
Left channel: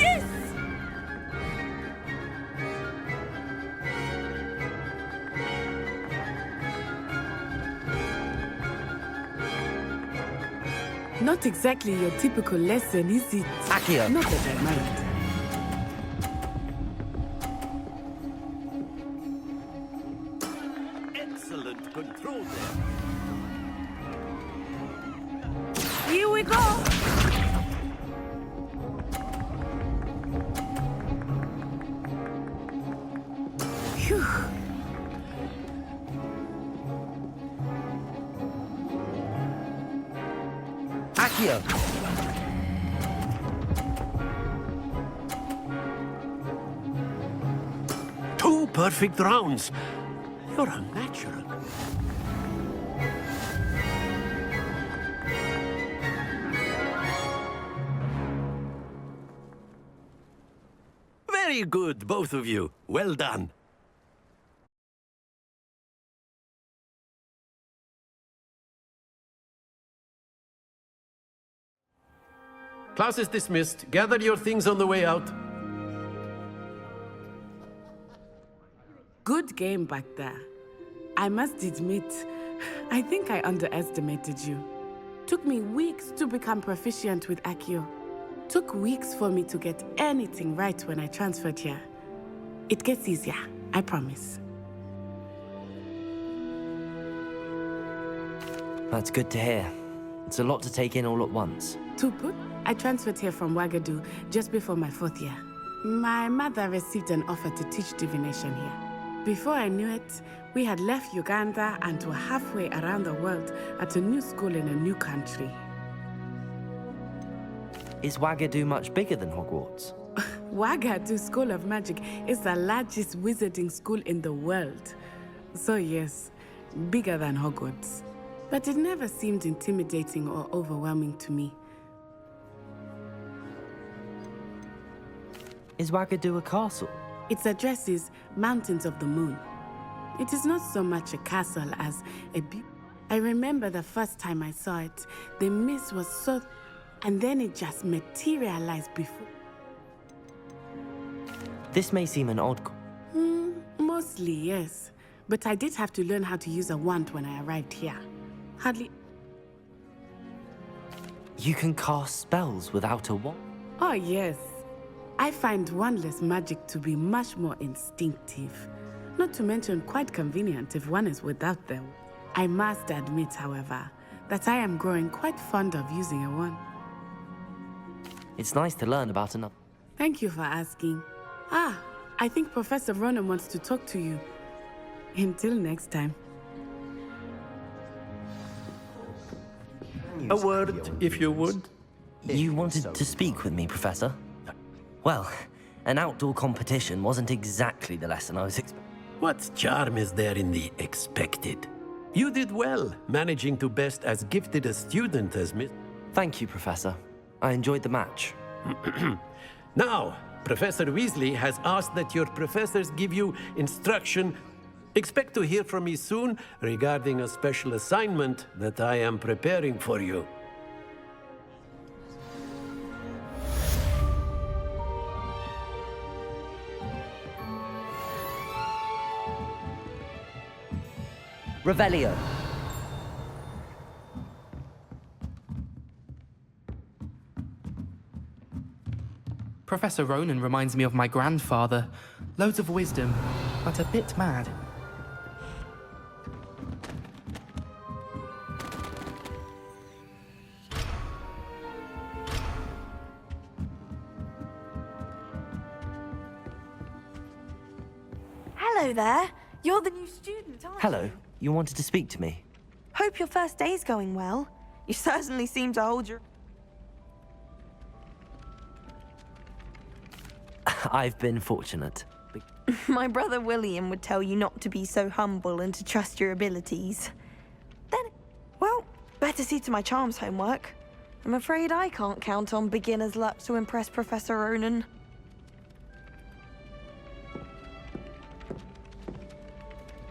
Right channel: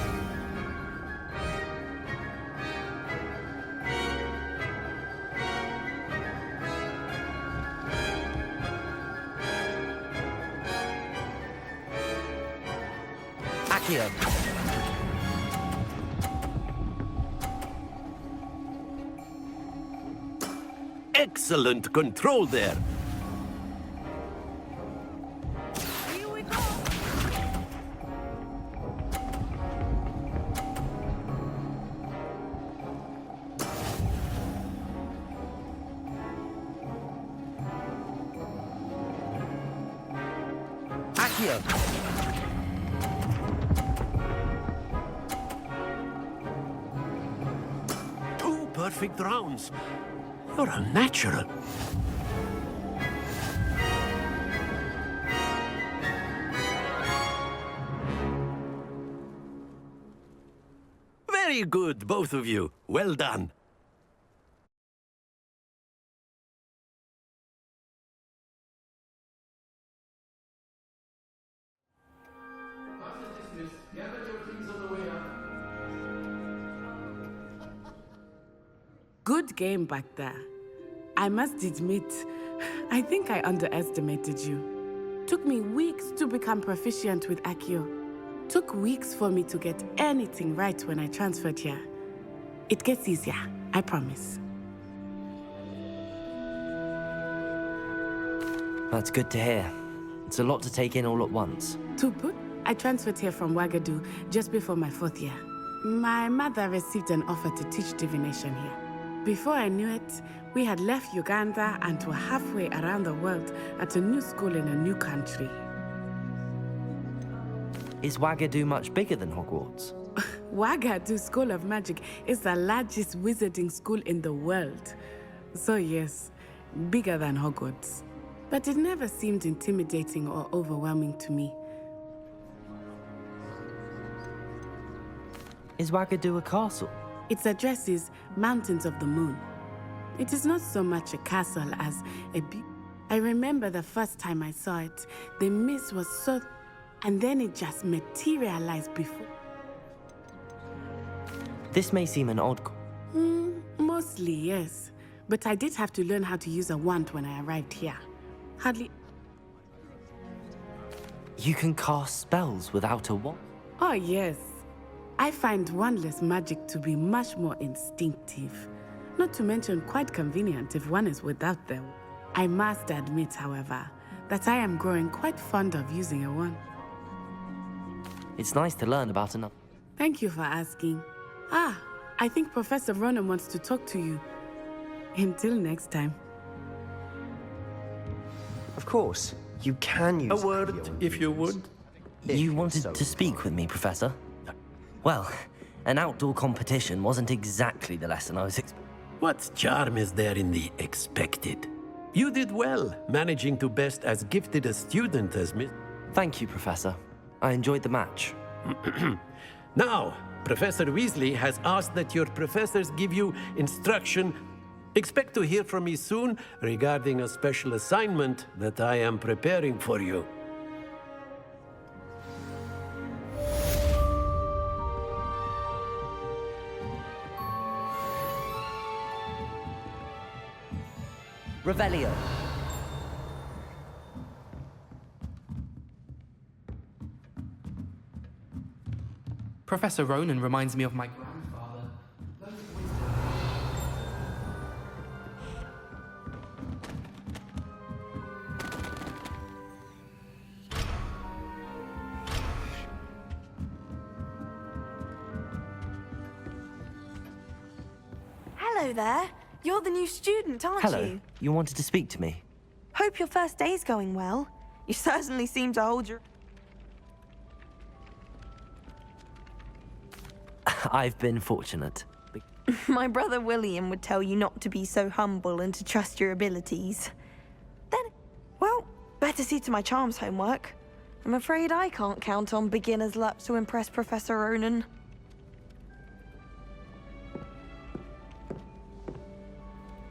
Yes! Not exactly your typical lesson, is it? Accio. Not at the moment. Excellent control there. Here we go. Phew. Accio. Two perfect rounds. You're a natural. Very good, both of you. Well done. Class is dismissed. Gather your things on the way out. Good game back there. I must admit, I think I underestimated you. Took me weeks to become proficient with Accio. Took weeks for me to get anything right when I transferred here. It gets easier, I promise. That's good to hear. It's a lot to take in all at once. To put, I transferred here from Ouagadougou just before my 4th year. My mother received an offer to teach divination here. Before I knew it, we had left Uganda and were halfway around the world at a new school in a new country. Is Ouagadougou much bigger than Hogwarts? Ouagadougou School of Magic is the largest wizarding school in the world. So yes, bigger than Hogwarts. But it never seemed intimidating or overwhelming to me. Is Ouagadougou a castle? Its address is Mountains of the Moon. It is not so much a castle as a I remember the first time I saw it, the mist was so... and then it just materialized before. This may seem an odd... Mostly, yes. But I did have to learn how to use a wand when I arrived here. Hardly... You can cast spells without a wand? Oh, yes. I find wandless magic to be much more instinctive. Not to mention quite convenient if one is without them. I must admit, however, that I am growing quite fond of using a wand. It's nice to learn about another. Thank you for asking. I think Professor Ronan wants to talk to you. Until next time. Of course, you can use A word, if you would. You wanted to speak with me, Professor? Well, an outdoor competition wasn't exactly the lesson I was expecting. What charm is there in the expected? You did well, managing to best as gifted a student as Miss... Thank you, Professor. I enjoyed the match. Now, Professor Weasley has asked that your professors give you instruction. Expect to hear from me soon regarding a special assignment that I am preparing for you. Revelio. Professor Ronan reminds me of my grandfather. Loads of wisdom, but a bit mad. Hello there. You're the new student, aren't Hello. you? You wanted to speak to me? Hope your first day's going well. You certainly seem to hold your... I've been fortunate. My brother William would tell you not to be so humble and to trust your abilities. Then, well, better see to my charms homework. I'm afraid I can't count on beginner's luck to impress Professor Ronan.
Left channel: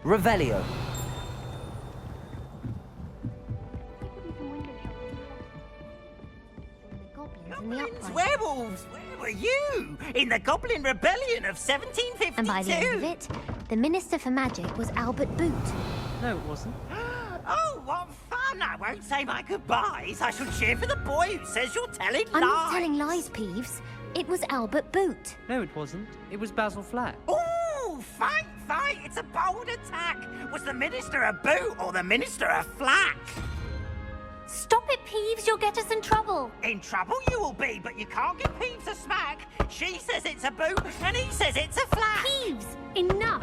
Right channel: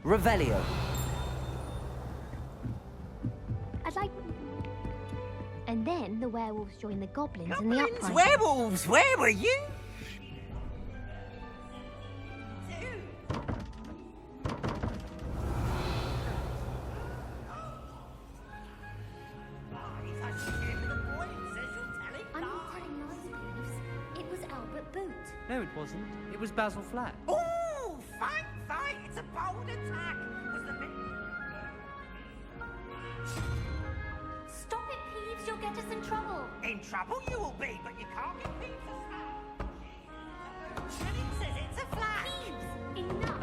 Revelio. I'd like to do some window shopping. And then the werewolves join the goblins in the Goblins, uprising. werewolves, where were you? In the Goblin Rebellion of 1752. And by the end of it, the Minister for Magic was Albert Boot. No, it wasn't. Oh, what fun! I don't say my goodbyes. I shall cheer for the boy who says you're telling I'm lies. not telling lies, Peeves. It was Albert Boot. No, it wasn't. It was Basil Flack. Ooh, fight, fight. It's a bold attack. Was the minister a boot or the minister a flack? Stop it, Peeves. You'll get us in trouble. In trouble you will be, but you can't give Peeves a smack. She says it's a boot and he says it's a flack. Peeves, enough.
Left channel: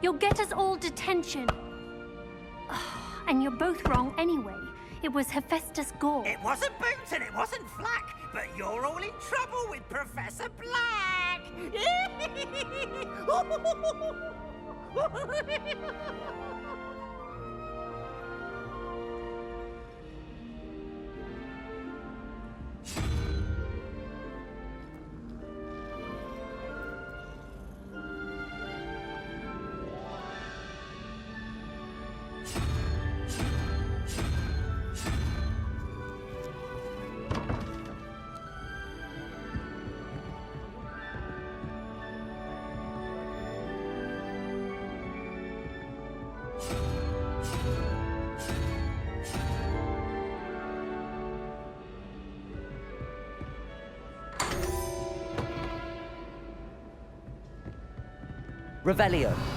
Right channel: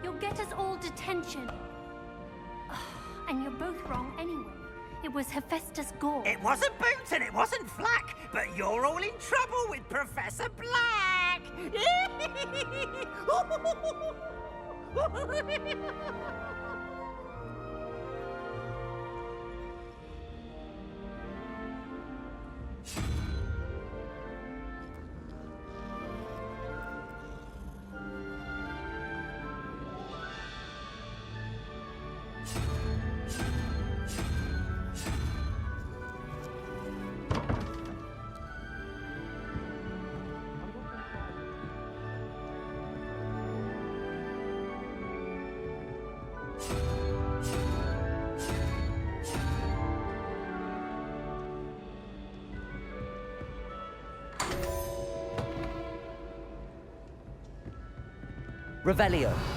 You'll get us all detention. And you're both wrong anyway. It was Hephaestus Gore. It wasn't boot and it wasn't flack, but you're all in trouble with Professor Black. Revelio.